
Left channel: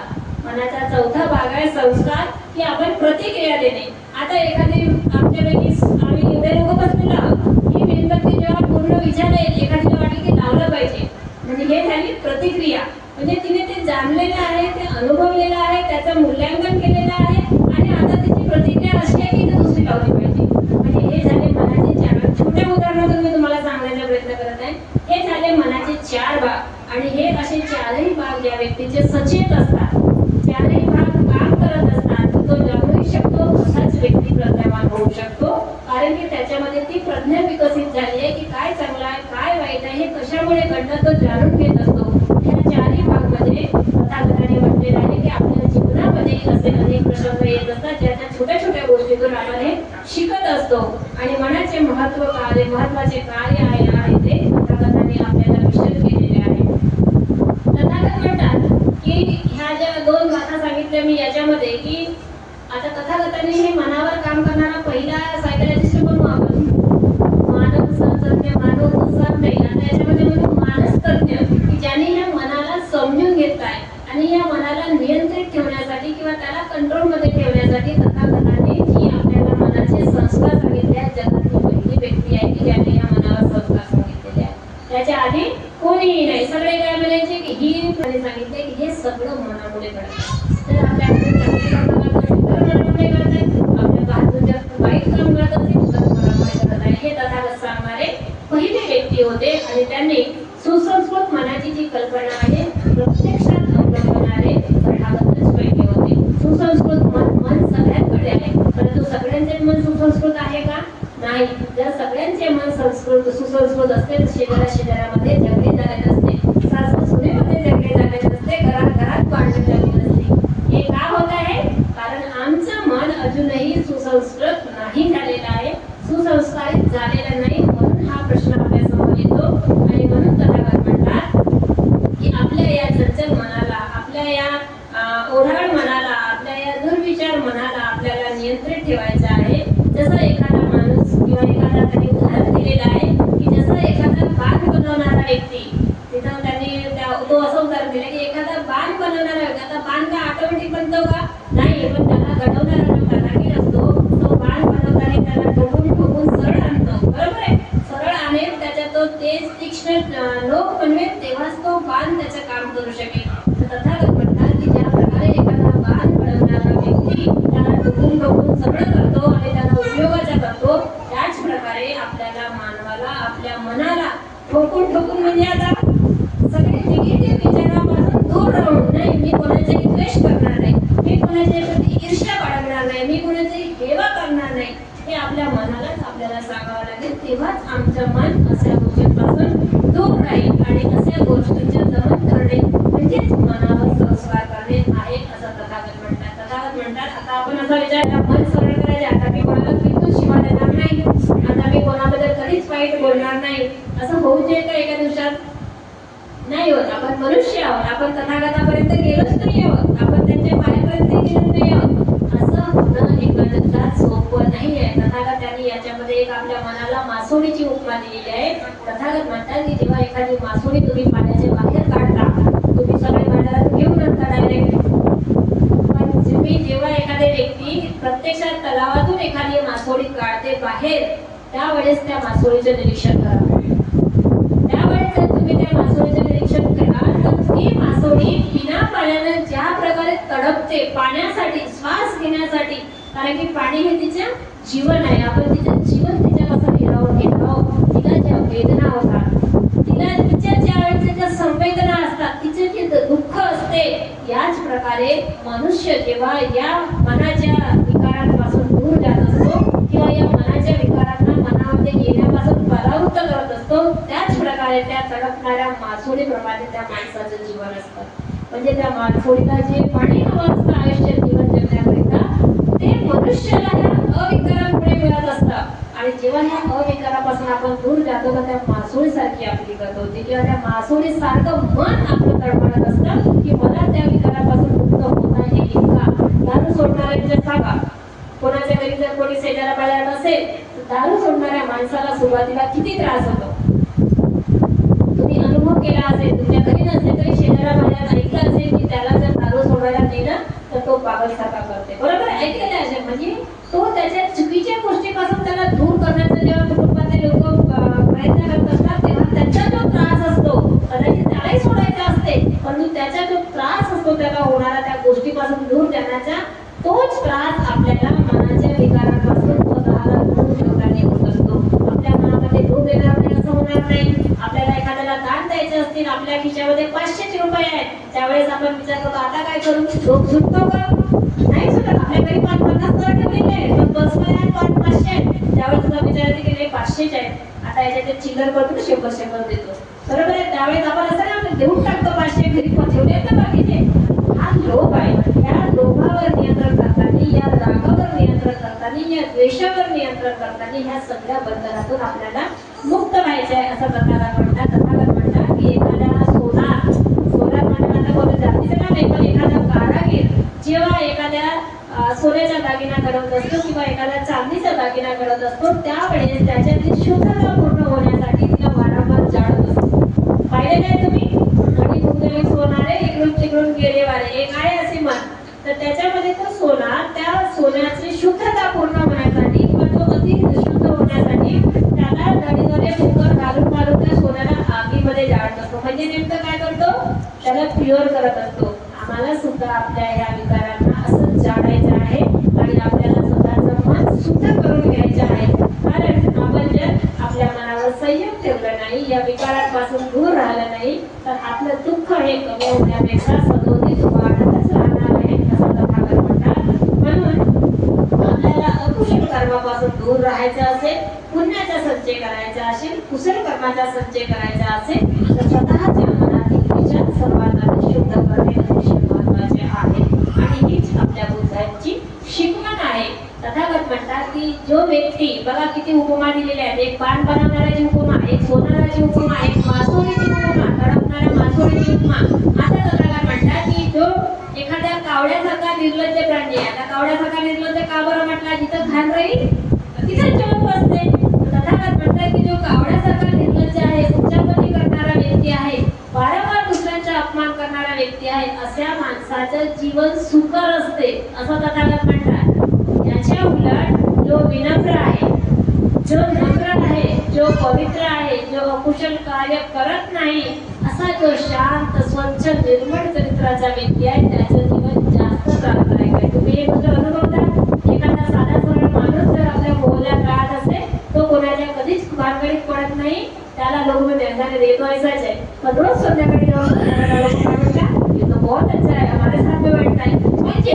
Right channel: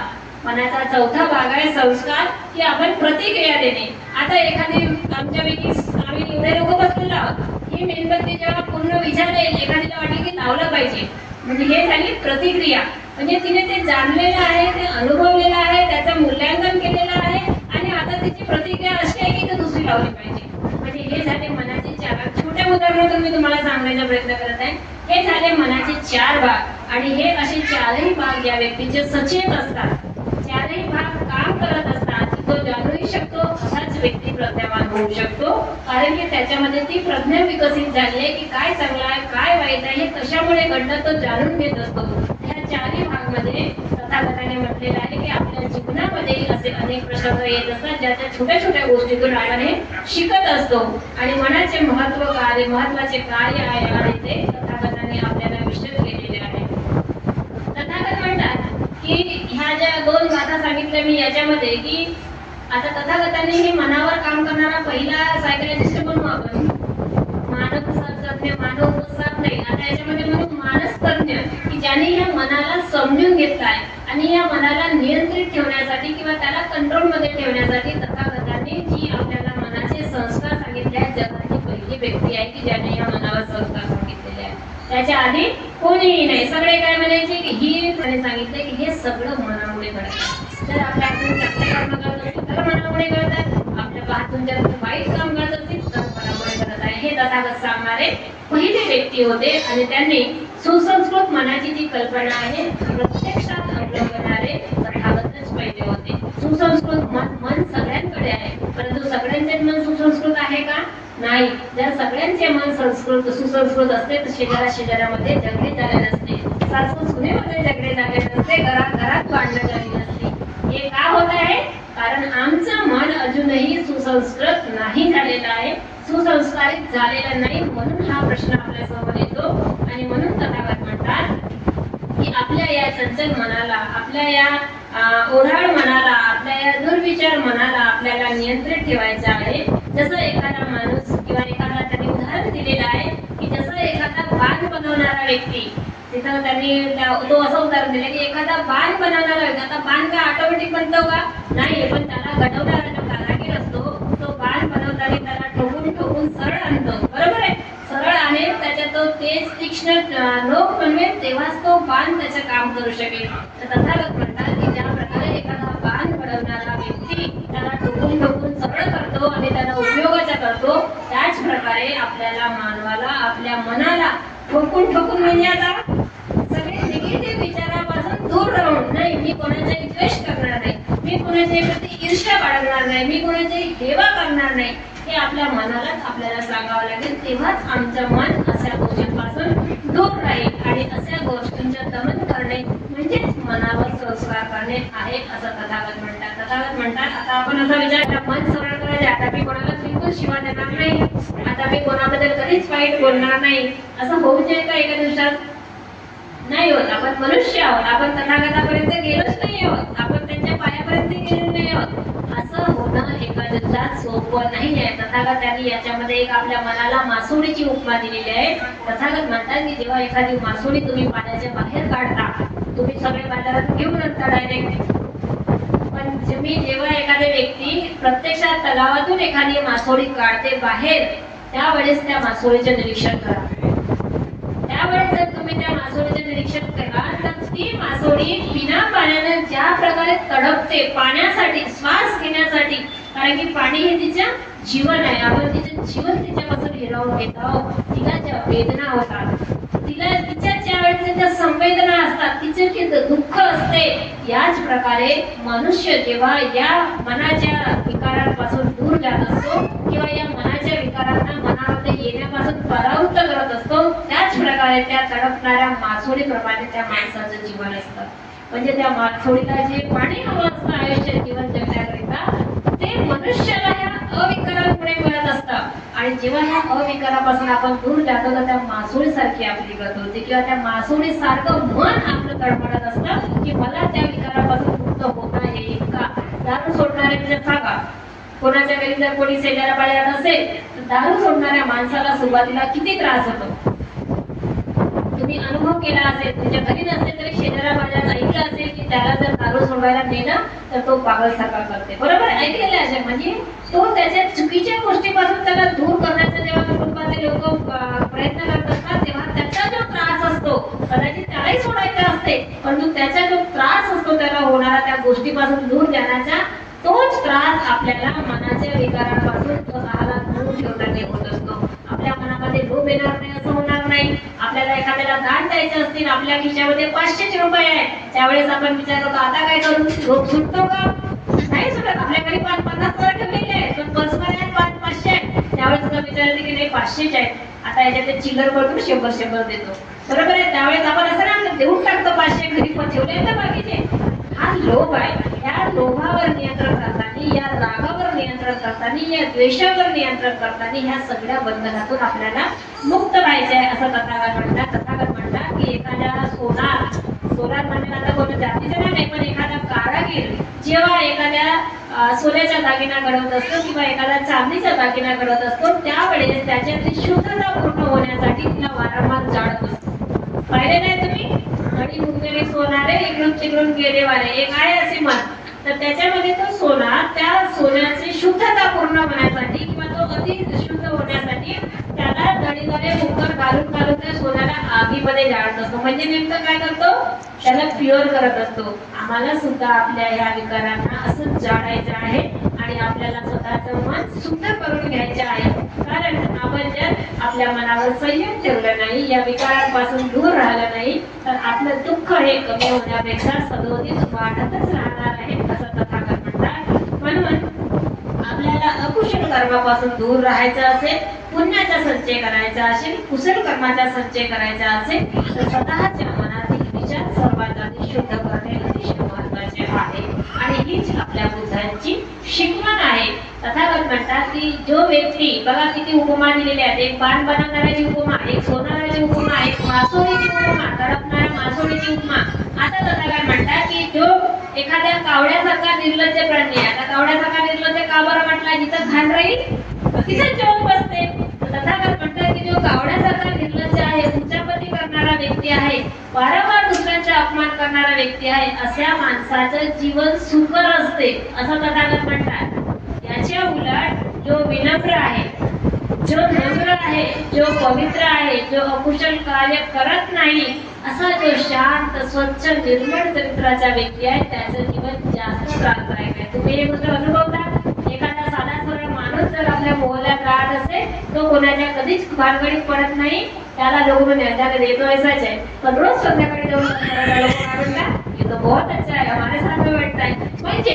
मनाचा चौथा भाग आहे संस्कार, की आपण प्रतिक्रिया देणे. आता एखादी आमच्यापैकी आम्ही एवढे लोक बसलेलो आहोत, ही मेणबत्ती जेव्हा पूर्ण विझालेल, एखादीला वाटली की लावलं पाहिजे, म्हणजे हे झाली प्रतिक्रिया. म्हणजे तिने ते जाणलेलं आहे, ते अनुभवलेलं आहे, त्याचं मूल्यांकन केलेलं आहे आणि आता तिची प्रतिक्रिया अशी आहे की ती दुसरी लावली पाहिजे. म्हणजे हे झाले मनाचे 4. छोट्या उदाहरणातून मी तुम्हाला सांगण्याचा प्रयत्न करत आहे. हे झाले मनाचे 4 भाग. आणि हे असे 4ही भाग या व्यक्तीचे सचेत असतात. 4ही भाग काम करत असतात. तो जाणूही शकतो, असाच व्यक्ती प्रज्ञावान होऊ शकतो. कारण की त्याच्यामध्ये ती प्रज्ञा विकसित झाली आहे की काय चांगलं आहे, काय वाईट आहे, हे कशामुळे घडलं तो जाणून घेत असतो. ह्या 4ही भाग मध्ये तथागताने म्हटलेलं आहे की आपल्या जीवनामध्येही असे अनेक प्रसंग येत असतात, ज्याच्या छोट्या छोट्या गोष्टीतून आपण हे शिकत असतो. आणि मनाचे महत्वाचे कार्य आहे आणि ते तथागतांनी आपल्याला विशद केलेले आहे. तथागत म्हणतात की ह्या ज्या 2 गाथा सांगितल्या मी याच्यामध्ये, की आता तथागतांनी हे मनावर काम करणारा पहिला सायकॉलॉजिस्ट म्हणू आपण, मानसशास्त्रज्ञ, मानवशास्त्रज्ञ. आता याच्यामध्ये म्हणू मानसतज्ञ, की ज्यांनी ह्या मनाला समजून घेतलाय आणि या मनाला नियंत्रित ठेवण्यासाठी किंवा त्याला कंट्रोलमध्ये ठेवण्यासाठी तथागतांनी जी आपल्याला मनाचे संस्कार सांगितले आहेत, जगातली पहिली व्यक्ती आहे की ज्याने या मनावर संस्कार सांगितलेले आहेत. त्याच्या आधी कोणीही नाही. सगळे काय म्हणायचे की ही त्याने सांगितले की हे सगळं मनामुळे घडतं. जर आपल्या हातून चांगले काम करत असेल तर मनामुळे घडतात, आपल्या हातून जर वाईट काम करत असेल तर मनामुळे घडत आहे. हे तथागत सांगणारे पहिले व्यक्ती होते. आणि त्यांनी सुसंस्कृत मनाची जी कल्पना आहे प्रत्यक्षात अवलंबणारे तथागतच पहिले होते. सुसंस्कृत मन सगळ्यांकडे आहे, परंतु सगळ्यांचे मन सुसंस्कृत आहे का? नाही. जर सगळ्यांचे मन सुसंस्कृत असते तर शेजारामध्ये झगडे झाले नसते, सासू सुनेमध्ये झगडे झाले नसते, घरात भांडण झाली नसते. हे का होत आहे? कारण आमचं मन अजूनही सुसंस्कृत नाही झालेलं आहे, सुसंस्कारित झालेलं नाही. म्हणून हा प्रश्न आपल्या समोर येतो. आणि म्हणून तथागत म्हणतात की आपल्या या चंचल मनाला, आपल्या या ओढाळ मनाला, आपल्या या दुर्विचार मनाला आपल्याला नियंत्रित ठेवायचं आहे. जसं एखादा माणूस किंवा एखादा त्यांनी उदाहरण दिलेलं आहे की जसं एखादा बाण बनवणारा व्यक्ती, तिथं त्यांनी तो असं उदाहरण दिलं की एखादा बाण बनवणारा व्यक्ती, आता बाण काय ऑटोमॅटिक बनतो का? नाही. पण त्याला घडवणारा जो कारागीर असतो तो बाण बनवताना त्याला ठोकून सरळ आणतो, बरोबर आहे. सरळ आणेल, त्याच्या तो तेज तीक्ष्ण नोक बनवेल, तेव्हाच तो बाण त्याचं काम करू शकेल. तर तथागत म्हणतात की ज्या प्रकारे एखादा बाण बनवणारा व्यक्ती त्याला ठोकून सरळ करतो आणि त्याला उपयोगाचा करतो, त्याच प्रकारे आपल्याला मानवाला, आपल्या मनाला ठोकून म्हणजे आता सगळे निगेटिव्ह विचारापासून दूर राहून, नाही मी कोणाचाही द्वेष करणार नाही, मी कोणाच्याही प्रती ईर्ष्या बाळगणार नाही, मी कोणाचाही हेवा करणार नाही, हे आपल्या मनालाच आपल्याला सांगावं लागेल. तेव्हाच आमचं मन अशा गोष्टींपासून दूर राहील आणि अशा गोष्टींचे दमन करणे म्हणजेच मनावर संस्कार करणे आहे असं तथागत म्हणतात. तथागत म्हणतात आता आपण असा विचार मन सरळ करायचे, आता मी कोणाला बिलकुल शिवा देणार नाही, आता मी कोणाबद्दल कधीच वाईट बोलणार नाही, असं होऊ शकेल का एका दिवसात? नाही होत. आपण मनुष्य आहोत, आपण तथागतापर्यंत गेलोच नाही आहोत, आपण त्यांच्या पायापर्यंत गेलो नाही आहोत. असं होणं एका दिवसात सोपं नाही आहे. तथागत त्यांनी याच्यामध्ये एक आपल्या मनाला मासोळीची उपमा दिलेली आहे. तथागत म्हणतात की जेव्हा एखादी मासोळी तुम्ही पाण्याच्या बाहेर काढता, तुम्ही सगळे बाजारात घेऊन आणता डायरेक्ट, पण जेव्हा एखादी व्यक्ती प्रत्यक्षात तलावातून एखादी मासोळी काढते बाहेर, त्यावेळेस त्या मासोळीचे निरीक्षण करा. त्यावेळेस जर तुम्ही त्या मासोळीचे निरीक्षण कराल तर ती मासोळी बिना पाण्याने ज्या प्रकारे तडपते पाण्यासाठी, श्वास घेण्यासाठी, कारण की पाणी हे तिचं जीवन आहे. आपण तिचं जीवन तिच्यापासून हिरावून घेत आहोत. तिला ज्या वेदना होतात, तिला तिच्या ज्या वेळेस ज्या संवेदना असतात, तिचे जे दुःख असते, याच प्रकारे मनुष्य जेव्हा या मनाच्या विकारांपासून दूर जात असतो किंवा या मनाच्या विकारांना मनामध्ये येण्यापासून परावृत्त करत असतो, त्याच प्रकारे त्या तडपणाऱ्या मासोळीप्रमाणे त्या माणसाचं जीवन असतं. म्हणजे त्या मासोळीला जे पाणी हवं असतं आयुष्य जीवन जगण्याकरिता, ते मनुष्याला ह्या अविकारांमुळे मिळत असतं. आणि जेव्हा ह्या अविकारापासून आपण दूर जातो तर त्या मासोळीसारखी आपली गत होते किंवा त्या मासोळीसारखं मन आपलं तडफडत असतं की मला त्या विकारापासून मुक्त होता येईल का. दारू सोडणारे म्हणजे सांगा, कोणाच्या घरी जर कोणी शेजारा पाजारात असेल तर दारू सोडणाऱ्या माणसाला सुरुवातीला किती त्रास होतो. तुम्ही अनुभव केला असेल, तुमच्या घरी नसेल तरी शेजारा पाजारात ऐकलं असेल की त्याला जर दारू सोडवायला नेलं तर तो पागलसारखा करते. बरोबर ऐकलेलं आहे. म्हणजे तो त्याच्या चुकीच्या गोष्टीपासून त्याला दूर करण्याचा जेव्हा कुटुंबातील लोक प्रयत्न करत असतात, तेव्हा त्याचा जो त्रास असतो, कदाचित त्यालाही सोडायचा असते, परंतु त्याचा जो त्रास असतो त्याला होणारा त्या गोष्टीपासून दूर जाण्याचा, तोच त्रास आपल्याला मनाच्या विकारांपासून स्वतःला दूर ठेवताना होत असतो. आपल्या मनामध्ये लोभ येणार नाही असं होणार नाही. आपल्याला एखाद्याला दान द्यायचे असतील, आपल्या खिशामध्ये 500 रुपये आहेत, त्यावेळेस आपण विचार करतो आता काय करू, लोभ सुटतो का? नाही सुटत. आपल्या घरी 550 ठेवलेले आहेत, पण पर्समध्ये आहेत 500 आहेत, त्यावेळेस तुला विचारायचे की नाही 500 आहेत, आता याच्यात चिल्लर करतो 100 देतो. बरोबर आहे. त्यावेळेस आपण असं नाही देऊन टाकतो 500, घरी ठेवले ना बाकीचे. हा लोभ आहे. या लोभावर नियंत्रण करताना, या रागावर नियंत्रण करताना, या द्वेषावर नियंत्रण करताना ह्या सगळ्या बंधनातून आपल्याला मुक्त व्हायचे आहे असं तथागत म्हणतात. तथागत म्हणतात की एखाद्या सोनार म्हणजे आता कोणत्या जातीचं नाही, पण एखादा कारागीर जेव्हा एखाद्या सोन्याचा दागिना घडवत असतो किंवा एखादा चांदीचा दागिना घडवत असतो, त्यावेळेस त्याच्यातली शुद्धता पूर्ण होण्यासाठी तिला वारंवार जाळत असतो. पाहिले नाही तुम्ही, आणि मुंगली सोनारे इकडून तिकडून गेले वारे, एक आहे असे म्हण. तर त्याच्यामध्ये तो सोना, त्या सोन्याची शुद्धता पूर्ण होण्यासाठी किंवा तो अति शुद्ध होण्यासाठी त्याला नळीद्वारे कुकर घालून त्या सोन्याला आगीमध्ये जाळत असतो. म्हणजे नेमकं काय करतो, त्याला प्युअर करत असतो. आम्हाला सुद्धा आपल्या या विकारांना असंच जाळायचं आहे आणि आपल्याला स्वतःचं मन शुद्ध करून घ्यायचं आहे. कारण आपण जर आपल्या मनावर संयम ठेवला नाही, या विकारांपासून दूर राहिलं नाही, तर आपलं दुःख हे कमी होण्यापेक्षा सदोदित वाढतच राहणार आहे असं तथागत म्हणतात. म्हणून आपल्याला अकुशल कर्मापासून दूर राहायचं असेल, पुण्याचा संचय करायचा असेल, कुशल कर्माचा संचय करायचा असेल, तर स्वतःच्या मनातील विचार सर्वात आधी शुद्ध करणे अतिशय महत्त्वाचे आहे. आणि हीच आपल्या बुद्धांची शिकवण आहे. तथागत म्हणतात की जो व्यक्ती, बघा किती उपमा दिलेल्या आहेत, एक बाण बनवणाऱ्याची उपमा, एक सोनाराची उपमा, एक मासोळीची उपमा, तडपणाऱ्या मासोळीची उपमा. आता तथागत म्हणतात की जो एखाद्या कावड्यासारखा निर्लज्ज प्राणी आहे, आता कावड्यासारखा निर्लज्ज का बरं म्हटला, जिथं घाण राहील तिथं जेवण बसते. तथागत म्हणतात की जो कावड्यासारखा निर्लज्ज आहे, उच्चापती करणारा व्यक्ती आहे, वारंवार दुसऱ्यांचा अपमान करणारा व्यक्ती आहे, अशा माणसाचं जीवन सुकर असते असं तथागत म्हणतात. याच्या उलट जो विनम्र आहे, जो नम्र आहे, जो पवित्र आहे, जो अकुशल कार्य करत नाही, असा जो शांत स्वच्छ निर्मळ चरित्राचा व्यक्ती आहे, त्याचं जीवन जास्त त्रासदायक आहे. तुम्ही हे गोष्ट अनुभवता. एखादा साधा सरळ माणूस जर आपल्या मोहल्यात राहत असेल, तो कोणाच्या कधीच भानगडीत पडत नाही, त्याला लोक म्हणतात येतो ऐसाच आहे, पण रोज संध्याकाळी जाऊन लोक म्हणतात ये तो बहुत अच्छा है, हमारे साथ में बैठता है. म्हणजे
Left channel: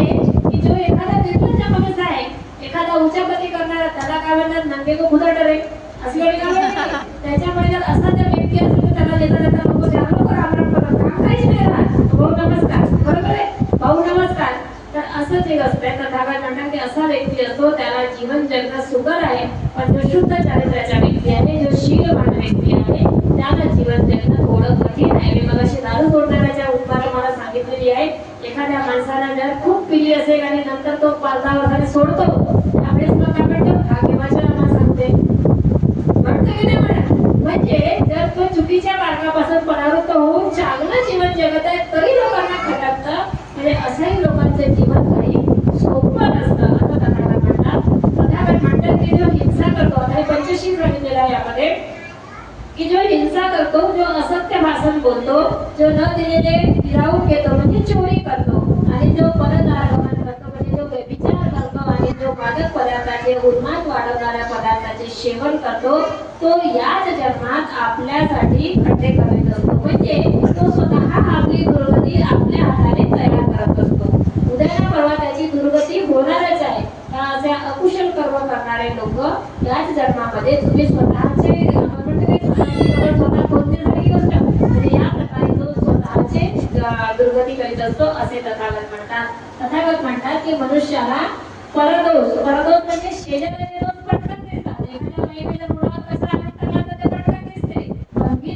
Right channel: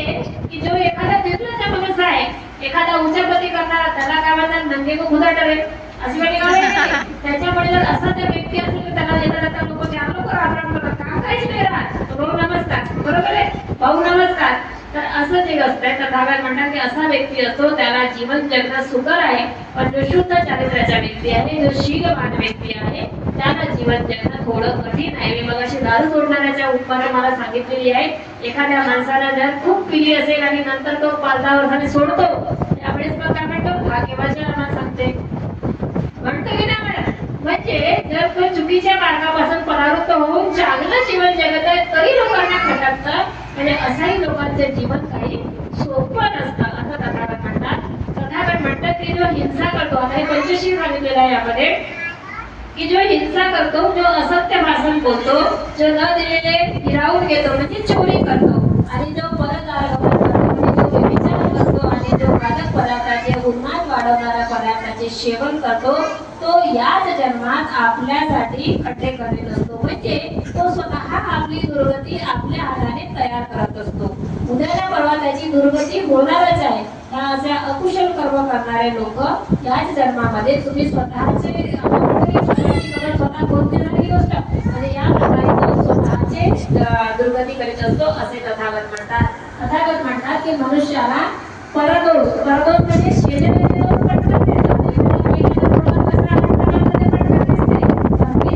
की जो एखादा निर्लज्ज माणूस आहे, एखादा उच्चापती करणारा, त्याला काय म्हणतात नंगे को खुदा डरे. अशी वाटी का नाही? त्याच्यामुळे जर असा त्या व्यक्ती असेल तर त्याला येता लोक त्या लोक आग्रह करतात, काम काहीच नाही राहत, भाऊ नमस्कार, बरोबर आहे, भाऊ नमस्कार. तर असं जे असतंय तथागत म्हणतात की असा व्यक्ती असतो त्याला जीवन जगणं सुकर आहे, पण जो शुद्ध चारित्र्याचा व्यक्ती आहे, जो शीलवान व्यक्ती आहे, त्याला जीवन जगणं थोडं कठीण आहे. मी मगाशी दारू सोडणाऱ्याच्या उपमानं मला सांगितलेली आहे. एखाद्या माणसाला जर खूप पिली असेल आणि नंतर तो 5-10 वर्षांनी सोडतो, त्यावेळेस मग काय म्हणतो, भाग्यवान आम्हाला सांगते म्हणतो की नाही म्हणत. म्हणजे जर तो चुकीच्या मार्गापासून परावृत्त होऊन चांगलं जीवन जगत आहे तरी लोकांना खटकतं, म्हणजे असाही लोकांचे जीवन काही सोपं नसतं असं तथागत म्हणतात. तथागत म्हणतात की जो हिंसा करतो, आता हे पंचशील सांगितलेलं आहे यामध्ये, की जो हिंसा करतो, जो असत्य भाषण बोलतो, जो न दिलेले हिरावून घेतो म्हणजे चोरी करतो, आणि जो परदार म्हणजे जो व्यभिचार करतो, आणि जो मादक पदार्थाचे उन्माद वाढवणाऱ्या पदार्थाचे सेवन करतो, तो याच जन्मात आपल्यासाठी खड्डे करीत असतो. म्हणजे तो स्वतः आपली दुर्गती आपल्या हाताने तयार करत असतो. उद्या परवा त्याची दुर्गती होणारच आहे. असे अकुशल कर्म करणारे लोक याच जन्मामध्ये तुम्ही स्वतःचे स्वतः खोदण्यासाठी गोष्ट म्हणजे या प्रकारे तो स्वतःचे दुर्गती करीत असतो असे तथागत म्हणतात. तथागत म्हणतात की मनुष्याला परदोष म्हणजे शेजाऱ्याचे दोष पटकन दिसतात.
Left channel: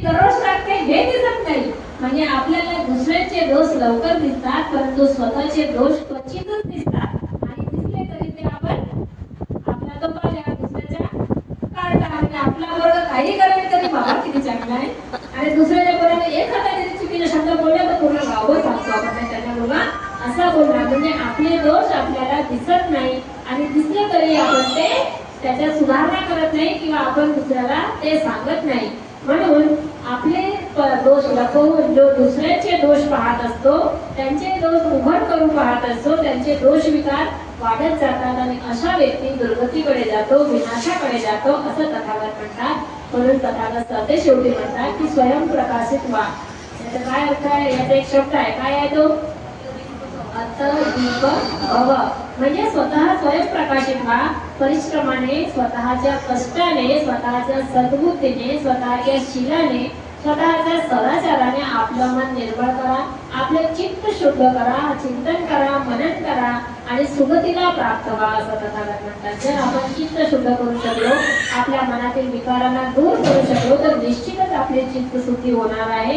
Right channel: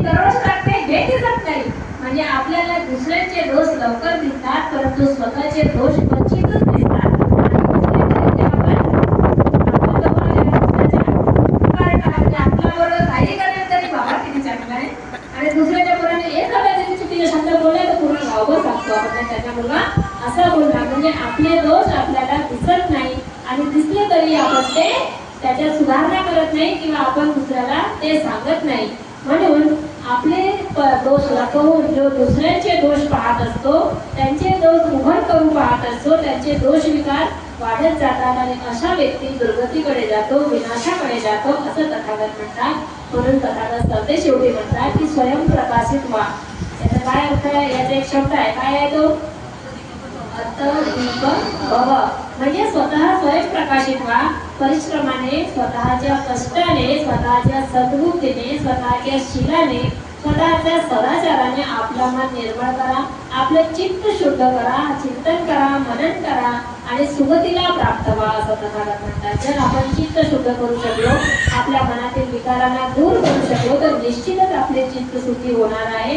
दररोज टाकते हे दिसत नाही, म्हणजे आपल्याला दुसऱ्याचे दोष लवकर दिसतात परंतु स्वतःचे दोष क्वचितच दिसतात. काही करेल तरी बाबा किती चांगला आहे, आणि दुसऱ्याच्या बरोबर एखादा जरी चुकीचा शब्द बोलला तर पूर्ण गावच सांगतो आपण त्याच्या मुलगा असा बोलला, म्हणजे आपले दोष आपल्याला दिसत नाही, आणि दिसले तरी आपण ते त्याच्यात सुधारणा करत नाही किंवा आपण दुसऱ्याला ते सांगत नाही. म्हणून आपले दोष लपवून जो दुसऱ्यांचे दोष पाहत असतो, त्यांचे दोष उघड करून पाहत असतो, त्यांचे दोष विकार वाढत जातात, आणि अशा व्यक्ती दुर्गतीकडे जातो, विनाशाकडे जातो असं तथागत म्हणतात. म्हणून तथागत सरते शेवटी म्हणतात की स्वयंप्रकाशित व्हा. याचा काय अर्थ आहे? याचा एक शब्द आहे, काय आहे तो? दीप भव, म्हणजे स्वतः स्वयंप्रकाशित व्हा. परिश्रमाने, स्वतःच्या कष्टाने, स्वतःच्या सद्बुद्धीने, स्वतःच्या शीलाने, स्वतःच्या सदाचाराने आपलं मन निर्मळ करा, आपलं चित्त शुद्ध करा, चिंतन करा, मनन करा, आणि सुगतीला प्राप्त व्हा असं तथागत म्हणतात. जर आपण चित्त शुद्ध करू शकलो, आपल्या मनातील विकारांना दूर करू शकलो, तर निश्चितच आपले चित्त सुखी होणार आहे,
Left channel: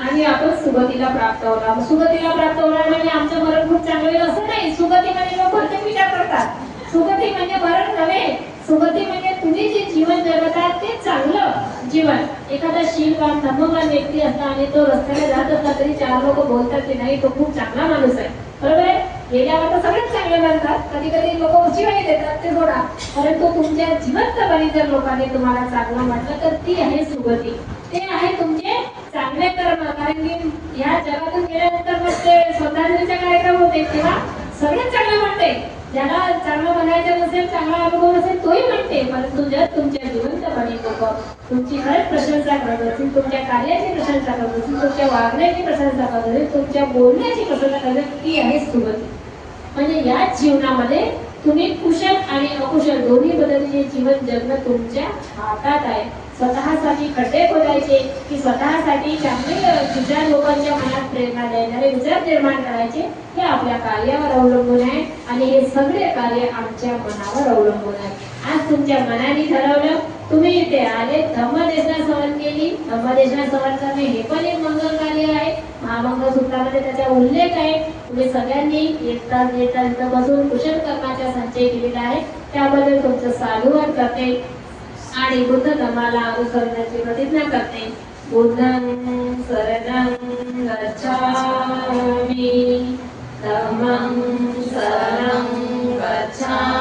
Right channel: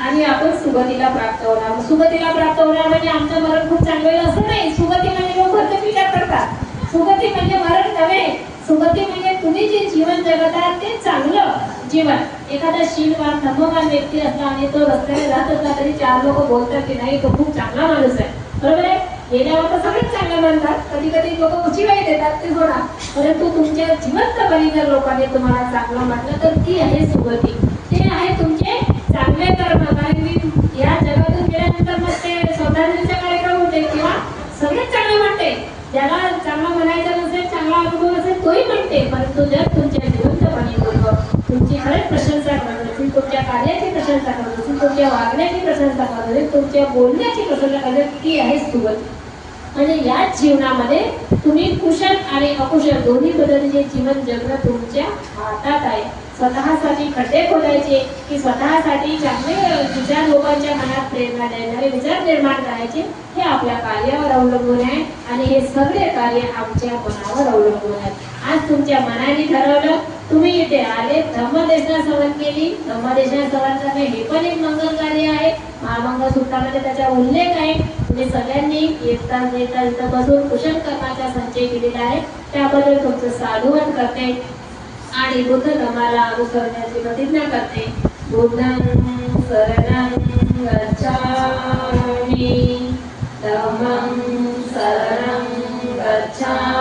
आणि आपण सुगतीला प्राप्त होणार. सुगतीला प्राप्त होणार म्हणजे आमचं मरण खूप चांगलं असं नाही. सुगती म्हणजे लोक भरते विचार करतात, सुगती म्हणजे मरण नव्हे. सुगती म्हणजे तुम्ही जे जीवन जगत आहात ते चांगलं जीवन. एखादा शीलवान धर्मवान व्यक्ती असला आणि तो रस्त्याने जात असला तरी 4 लोक बोलतात की नाही तो खूप चांगला माणूस आहे, बरोबर आहे. गेल्यावर तर सगळेच चांगले म्हणतात, कधी कधी लोक उशिवाही देतात ते सोडा, परंतु तुमच्या जिवंतपणी जर लोकांनी तुम्हाला चांगलं म्हटलं तर ती आहे सुगती, ते आहे तुमचे चांगले कर्म. कारण की या जगातून गेल्यानंतर मग ते श्रद्धांजलीचे कार्यक्रम होते तेव्हा सगळेच चांगलं म्हणते. ज्याला चांगला म्हणायचं नसेल, चांगला अनुभव असेल तोही म्हणते, परंतु जर तुमच्या जिवंतपणी लोक तुमची खरंच प्रशंसा करत असतील, तुमच्या कार्याची प्रशंसा करत असतील, तुमच्या वागण्याची प्रशंसा करत असतील, तुमच्या बोलण्याची प्रशंसा करत, ती आहे सुगती. म्हणजे याच जीवनामध्ये तुम्ही कुशल आणि अकुशल दोन्ही पद्धतीचे जीवन जगणं तुमच्या हातात आहे. स्वतःसाठी खड्डे खोदायचे की स्वतःसाठी चांगले विचार लोकांच्या मनात प्रेरणा देणारे विचार निर्माण करायचे, हे आपल्या कार्यावर अवलंबून आहे, आणि हे सगळे कार्य आमच्या मनावर अवलंबून आहे. आज तुमच्या मनाने ठरवलं, तुम्ही इथे आले, धम्मदेशना सहन केली. धम्मदेशना सहन करणे हे पण एक मंगल कार्य आहे. महामंगलसूत्रामध्ये त्याचा उल्लेख आहे. तुम्ही सगळ्यांनी येता इथं बसून कुशल कर्माचा संचय केलेला आहे, त्याबद्दल तुमचं साधुवाद करते आणि बुद्ध धर्माला अनुसरण्याची प्रतिज्ञा करते. बुद्धं शरणं गच्छामि, धम्मं शरणं गच्छामि.